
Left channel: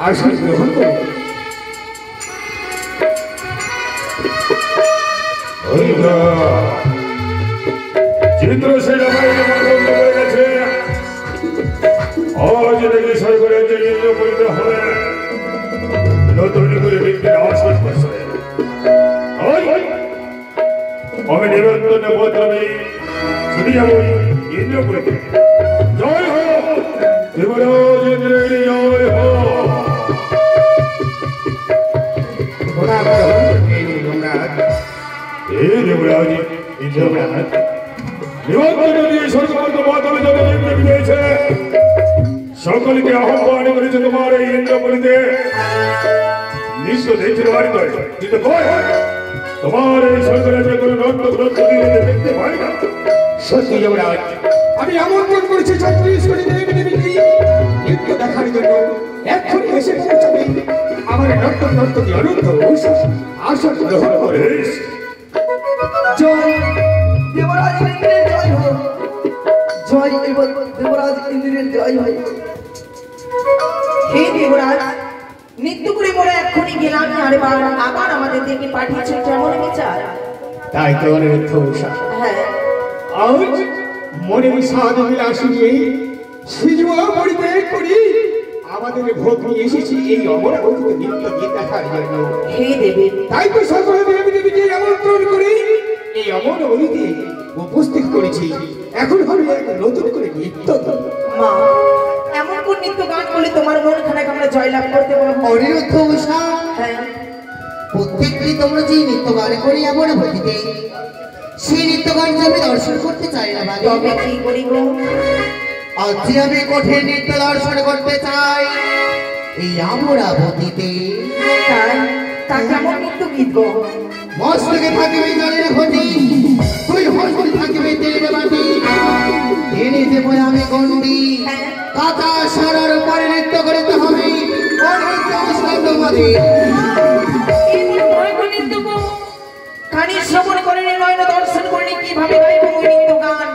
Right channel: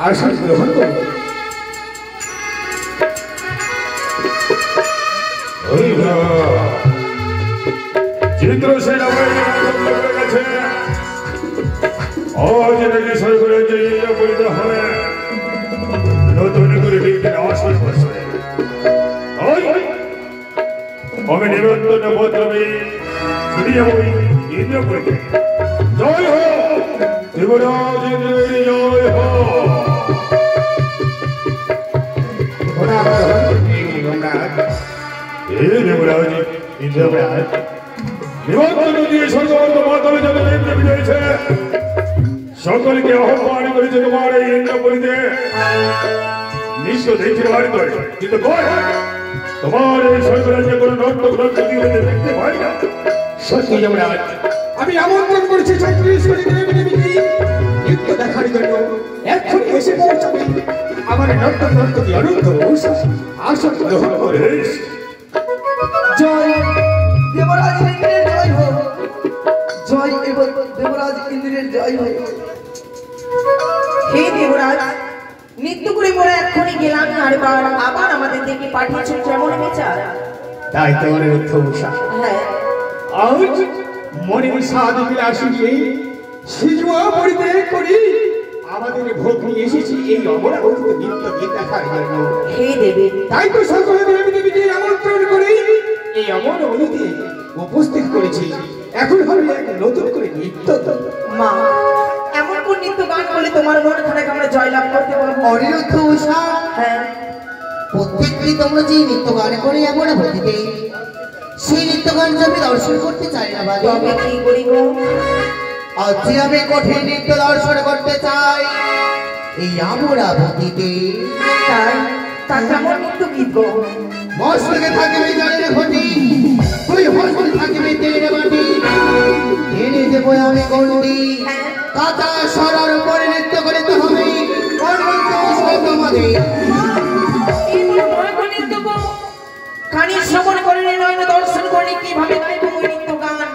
আসন গ্রহণ করো চিত্রসেন আমার করে গেছে আজ রেডি সরকারের যে করতে হবে নতুন করে ব্যক্তির আসন বসে আমি নিরন্তর বদলাবে ছুটি যাব ইন্দ্রপুরীতে জয় হো দেবরাজ ইন্দ্রের জয় হো দেবরাজ ইন্দ্ররাজ নিমন্ত্রণ দিয়ে সর্বন্ত মাধ্যমে যাদের ইন্দ্র বিজয়েছে সকলকে আহ্বান করেছে তোমার এই ইন্দ্রপুরীতে নিশ্চয় দেখতে পারি নয় কিন্তু তোমার এই সরকারের কোনো নন্দ গ্রন্থ দেখতে পাই না সত্যি যুবরাজ আমি আমন্ত্রণ করেছি ছত্রিশগড়ি দেবী দেবীকে নৃত্য দেখার জন্য এক্ষুনি এসে পৌঁছাবে আমার নর্তন নর্তকী অনন্ত আসন গ্রহণ করে জয় দেবরাজ ইন্দ্রের জয় হোক। জয় এবং দেবরাজ ইন্দ্রের জয় হোক। হে দেবরাজ নিত্য করে মোরা এক্ষুনি গেলাম আবার আমাদের দেখে পাঠিয়েছেন কেমন বিচার তাই তো অনিরুদ্ধ উষা হ্যাঁ আজ মনে সাধ বিলাসী নিয়ে সিজুয়া পরিত্যাগ করি আমাদের ভোগ নিয়ে এসেছি এই অমরাবতীতে নৃত্য গীত দেখার জন্য। হে দেবী, তাই তো সকলে দেবী দেবীকে আমন্ত্রণ করি এই অমরাবতীতে উপস্থিত করেছি। এখন হবে এক নতুন করে নৃত্য। মা, এমন কোন নৃত্য গান করলে তোমার মন খানে আমরা জয়লাভ করতে পারবো? অনিরুদ্ধ উষা, হ্যাঁ, প্রত্যেকটি তোমরা যে নৃত্য গান করে এমন ভক্তিতে সেই নৃত্য গানকে আমি দর্শন করতে চাই না বাড়ি। তবে কি করি গো? আজ আমি কঠিন নৃত্য দর্শন করতে চাই এই অমরাবতীতে। তাই তা কেমন নৃত্য গীত গো? মস্তকে থাকিবে জলের ঘটি, তুই হস্তে থাকিবে তেলের বাটি, টেনে দেবো আমি গন্ডি, কাঁচা সরার উপরে নৃত্য করতে হবে তোমাদের। কানে শ্রবণ করে নয়নে দর্শন করে কিভাবে গাইব ওই নৃত্য গান?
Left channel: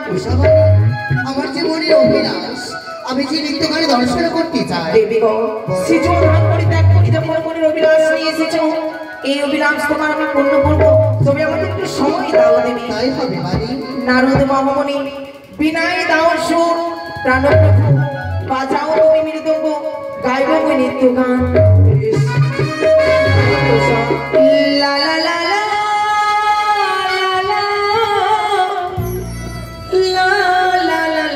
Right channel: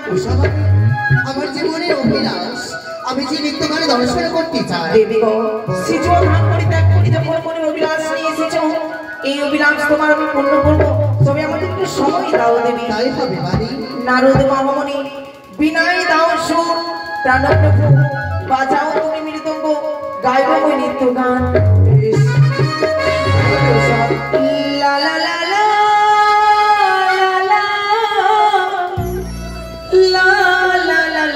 আমার জীবনের অভিলাষ, আমি যে নৃত্য গানে দর্শন করতে চাই। দেবী গো, সিজুয়া ধান করে ত্যাগ করে যখন মনের অভিলাষ নিয়ে এসেছো, এই অভিলাষ তোমার আমি পূর্ণ করবো। তবে আমাদের একটু সময় দাও দেবী। তাই হবে বাড়ি। নারদ মামনি বিনয় দাও সুর, প্রাণপ্রভু বাজাও তুমি মৃদঙ্গ, গাইব ওই নৃত্য গান। লা লা লা লা লা লা লা লা লা লা লা লা লা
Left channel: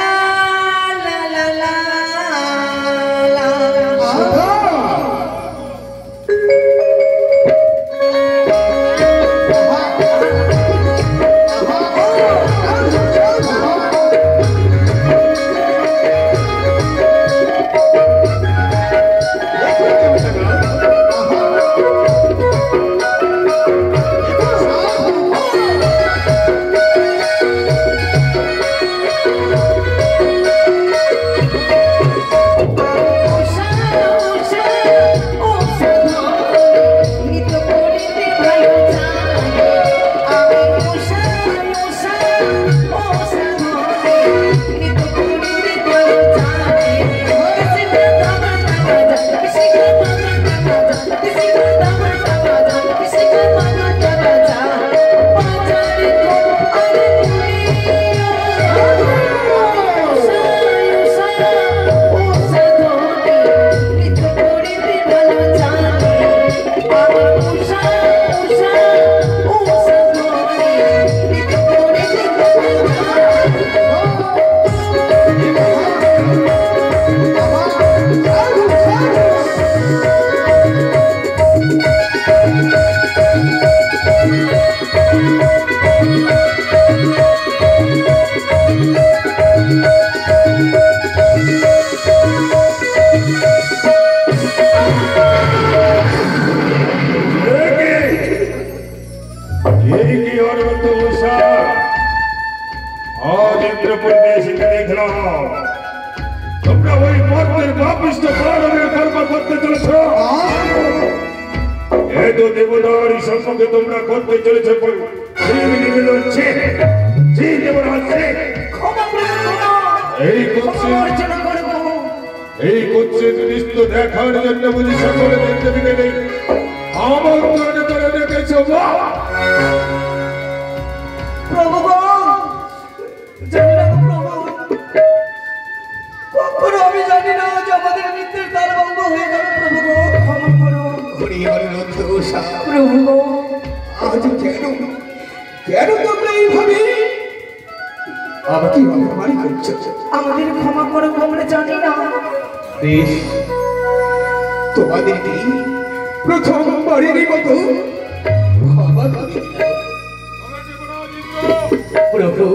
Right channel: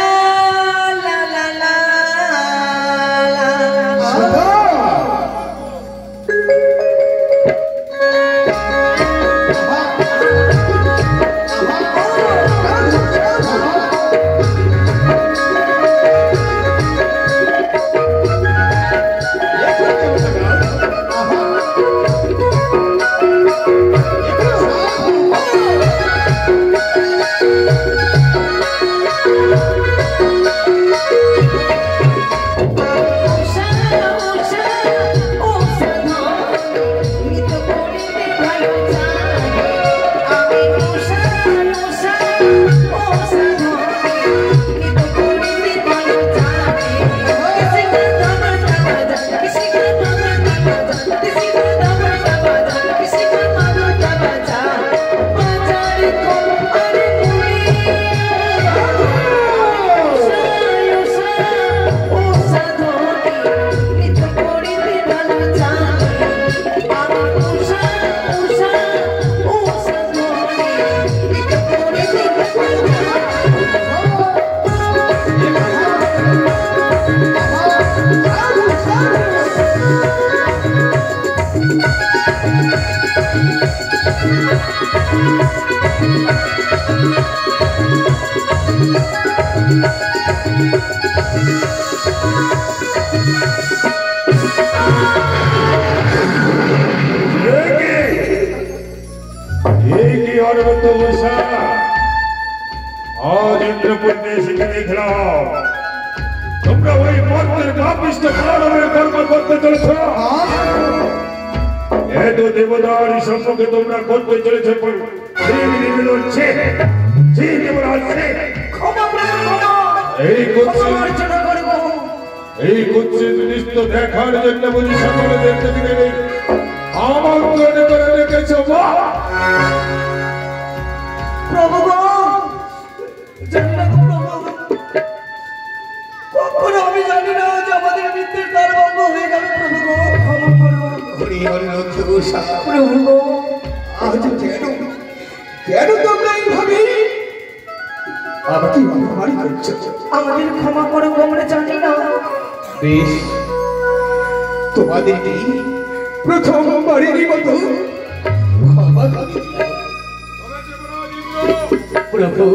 লা লা লা লা। आज इंद्रपुर देश के देख रहा তোমরা ওই মর্তের পাপিষ্ঠ প্রাণের কর্ম করতে চলেছ। এত দেবদারি সম্পর্কে তোমরা করতে চলেছে এই কুৎসিত দৃশ্য দেখার জন্য বুঝি সকলে দেখতে দিলে আমন্ত্রণ করে দেখেছ। প্রভু গো, কখনো আমি জানি না যে আমাদের মৃত্যুর কাল বন্ধ হয়ে যাবে। প্রভু গো, ক্ষমা করুন। প্রভু গো, আজ কেন তোমরা এইভাবে আমাকে অপমান করছো? আমাদের ক্ষমা করো, আমরা জানি না। বেশ, তোমাদেরকে প্রথমবারেরই মতো ক্ষমা করে দিলাম। প্রভু,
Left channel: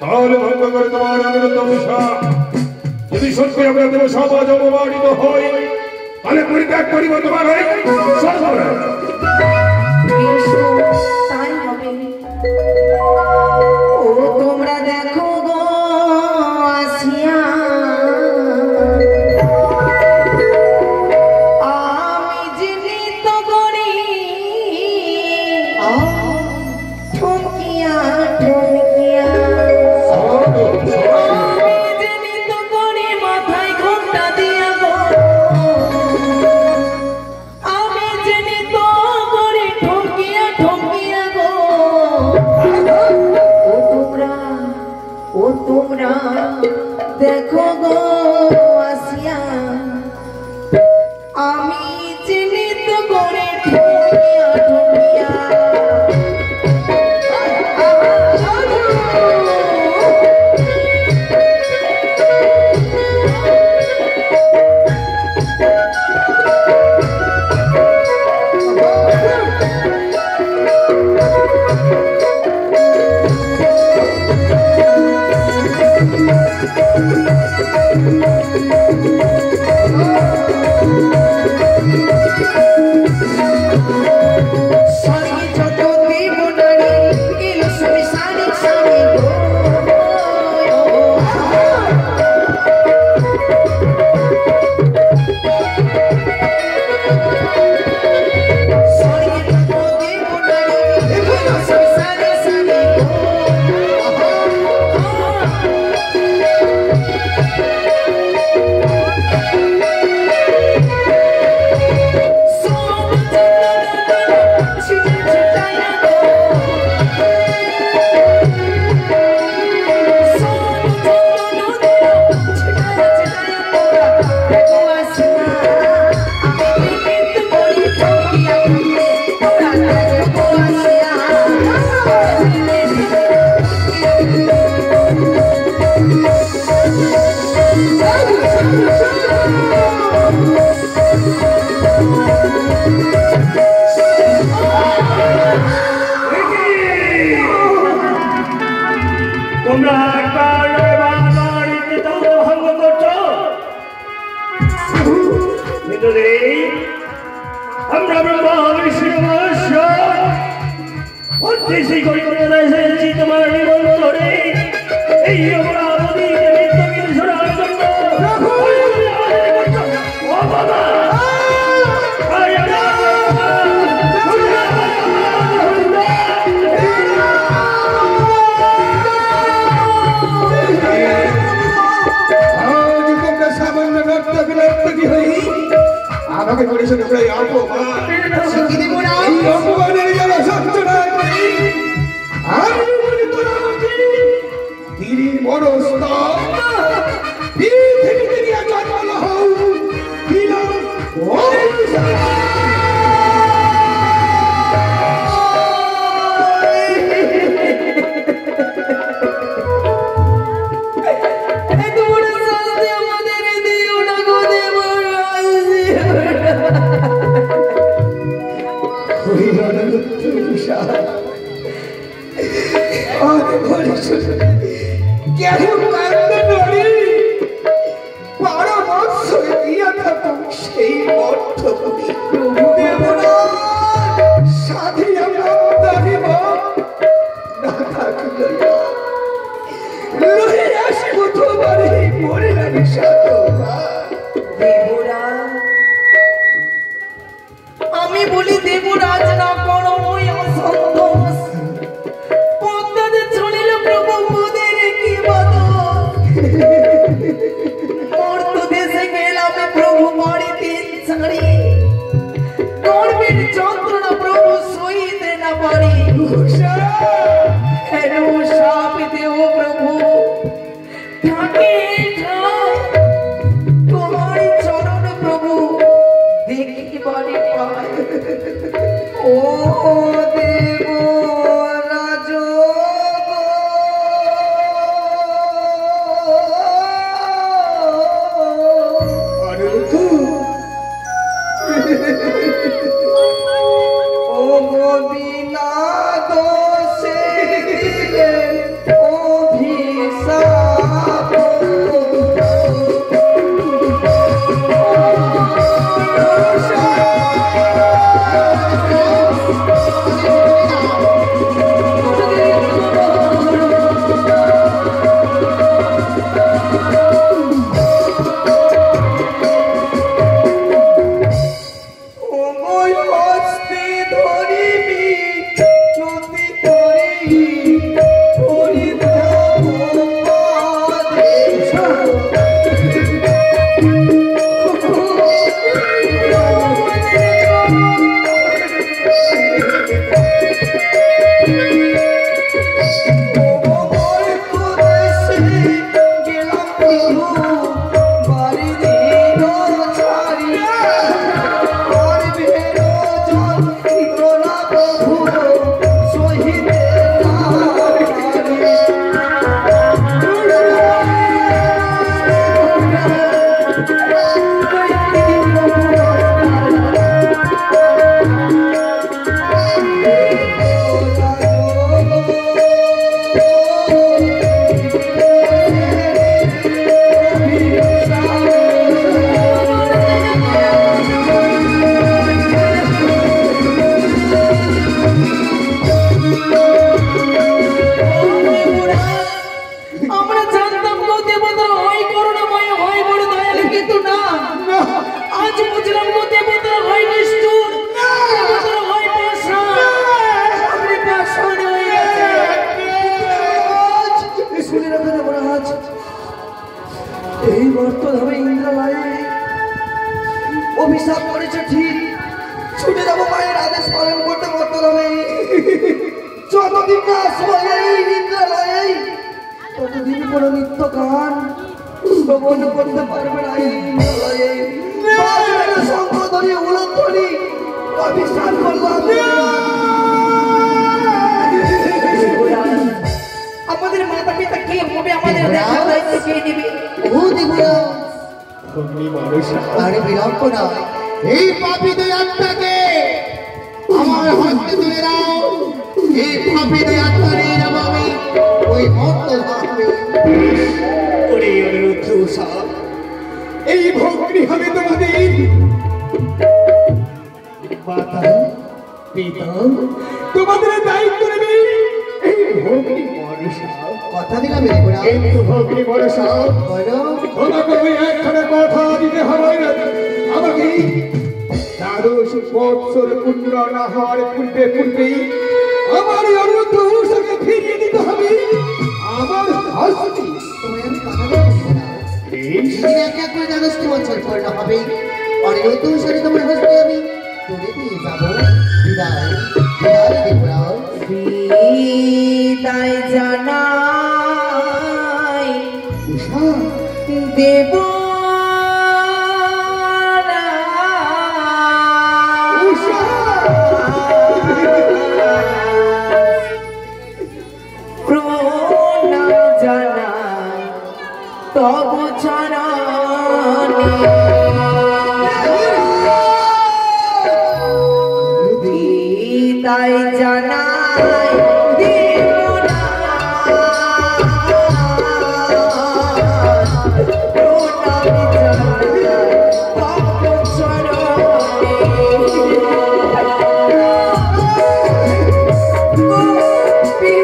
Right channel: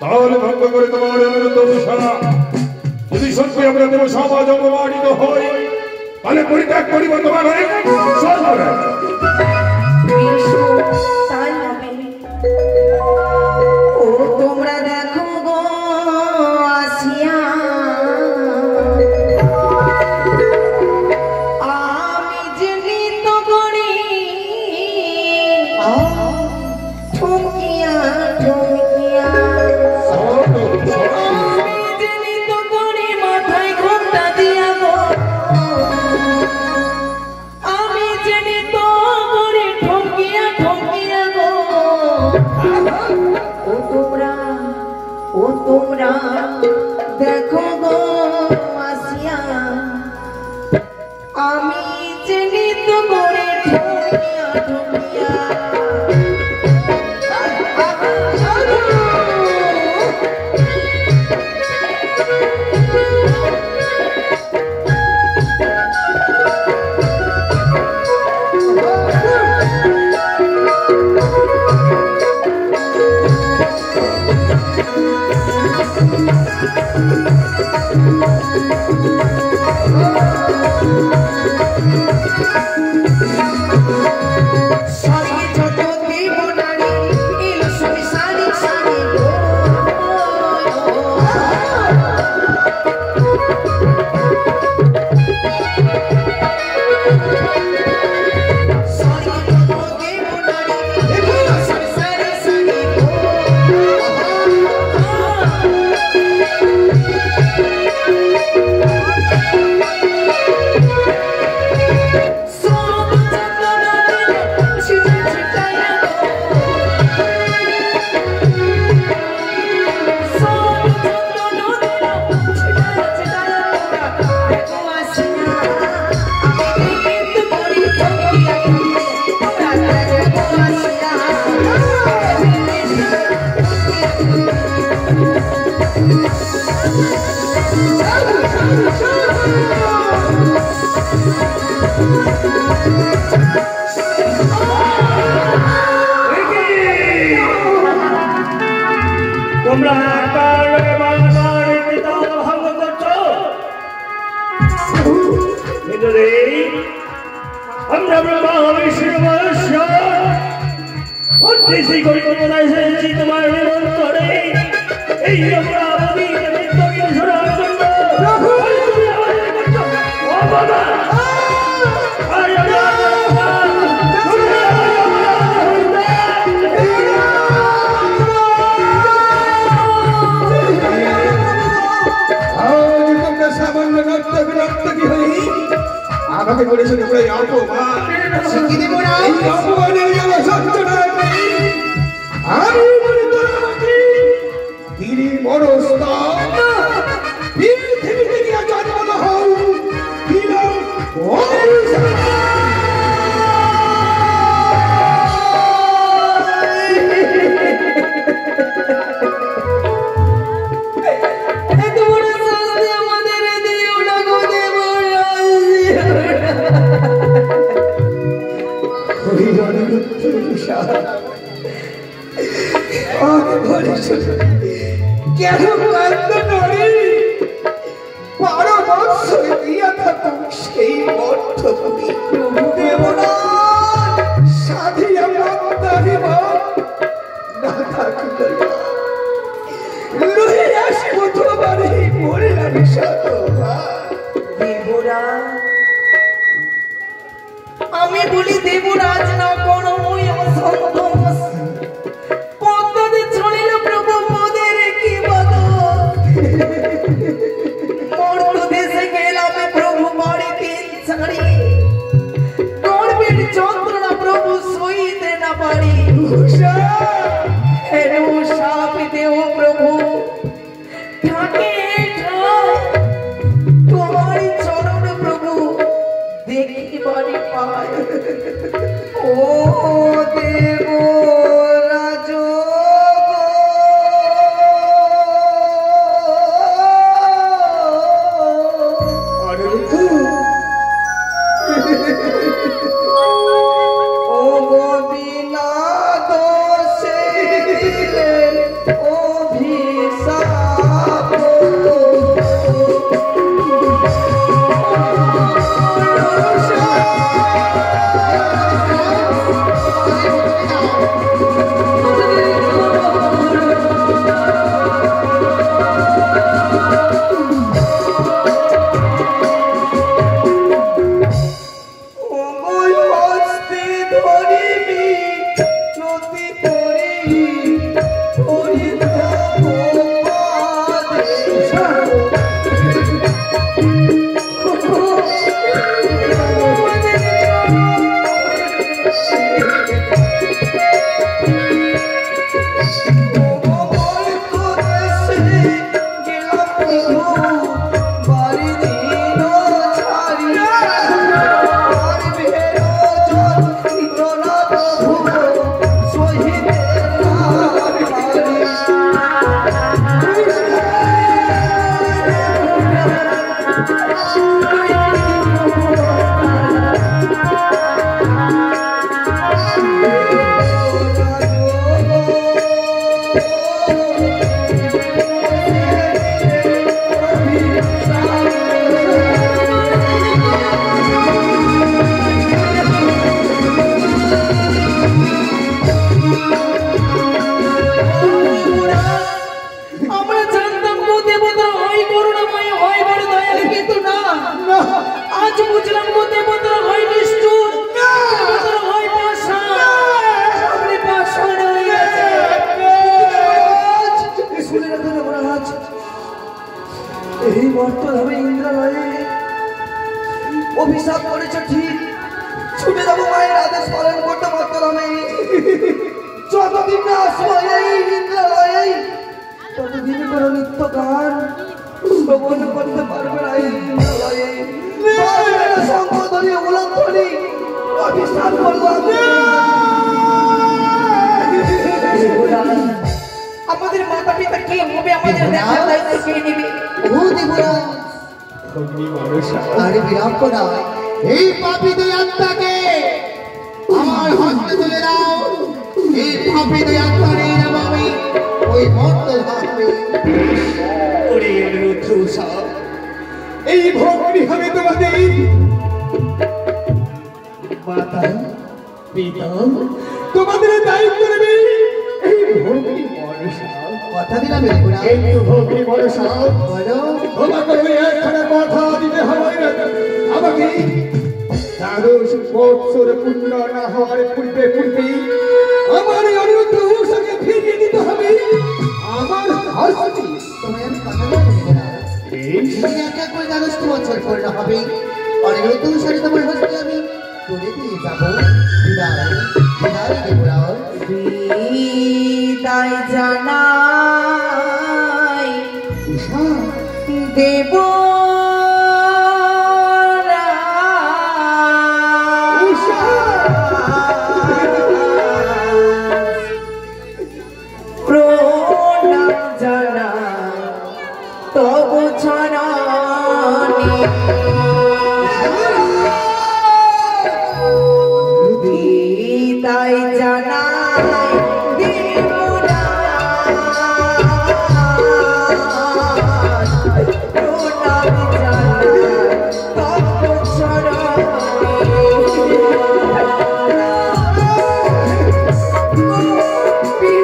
তাহলে ভঙ্গ করে তোমার অনিরুদ্ধ উষা, যদি সত্যি আমরা দেব সমাজ অপমানিত হই তাহলে পরিত্যাগ করিব তোমার তাই হবে। ও তোমরা দেখো গো আসিয়া, আমি যে নৃত্য করি ঠমকিয়া ঠমকিয়া, আমি যে নৃত্য করি মাথায় ঘোমটা দিয়া গো, আমি যে তোমরা দেখো গো আসিয়া আমি জেনে তো করে ঠকিয়া ঠকিয়া তোমরা ভঙ্গ করছো আমরা ব্রহ্মা বিষ্ণু উদ্দেশ্যে কলিকতা এসেছি তোমার নিমন্ত্রণে এই অপরাধীকে মৃত্যুকে শোনার জন্য আমাকে করেছে অপমান এই অপমানের গেল সত্যনা আমি বলি তোরা তিনি মনস্থ পৃথিবীতে গিয়া জন্ম হও কেন কান্দ নড়ি 12 বৎসর দিয়া থাকুক সেই অর্থ করি দেবনা সাধিয়া মমতারিব না থাকুক লই আসিব তোমারে মরে আমি দেবরা আমি বলি দেবরাজ না করো ওই অসন্তোষ পদ্মতে চলিল প্রভু পদে রেখে বল মর্ত দেশে গেলাম প্রভু বাড়িতে ছাড়ি গর্বের যন্ত্রণা প্রভু সইতে না পারি হেন সাপ দেও প্রভু থাকে তোমার চরণ প্রভু দেখিবারে পায় ও দেব রাজ ও বিনা দোষে অভিশাপ ছুটে যাবো মায়ের আদেশ পালন করতে মাতরমে। যতদিন না আসবো এই ইন্দ্রালয়ে ততদিন কোনো নিত্য গান শ্রবণ করতে পারবে না এই ইন্দ্রালয়ে। সম্পদরে উলধ্বনি অভিশাপ করলাম। আমাদের মাতা পিতা কে হবে, আমাদের দেখার দায়িত্ব কে নেবে? আরে বিলম্ব নয়, এই পাপী দুই আত্মাকে আমার হাতে তুলে দাও। এই পাপী দুই আত্মা নিয়ে যাবো আমি ওই ভক্ত ভাবে। ওরে রুদ্র সাপ, এই ভক্তি হবে তোমাদের মাতা পিতা তোমাদের দায়িত্ব নেবে এই ভক্তি মনসা। কথা দিলাম এরপরা কিন্তু ভক্তি মনসা বলো তোমাকে ওই একখানে কথা দিতে হবে। আমাকে 12 বৎসর পূর্ণ না হওয়ার পূর্বে আমার এই অনুরোধ উষাকে ফিরিয়ে দিতে হবে আমার হাসি। তোমার কথা বলবো না। এক এক করে 12 বছর পূর্ণ হবে আর এই অনুসারে তোমার হাসতে আমি তুলে দিয়ে যাবো। বিদায় বিদায় দেবো না। বিদায় জানাই উষা দেব প্রণাম জানাই তব চরণে। বিদায় জানাই দেব না, প্রণাম জানাই তব চরণে। গোপীনাথ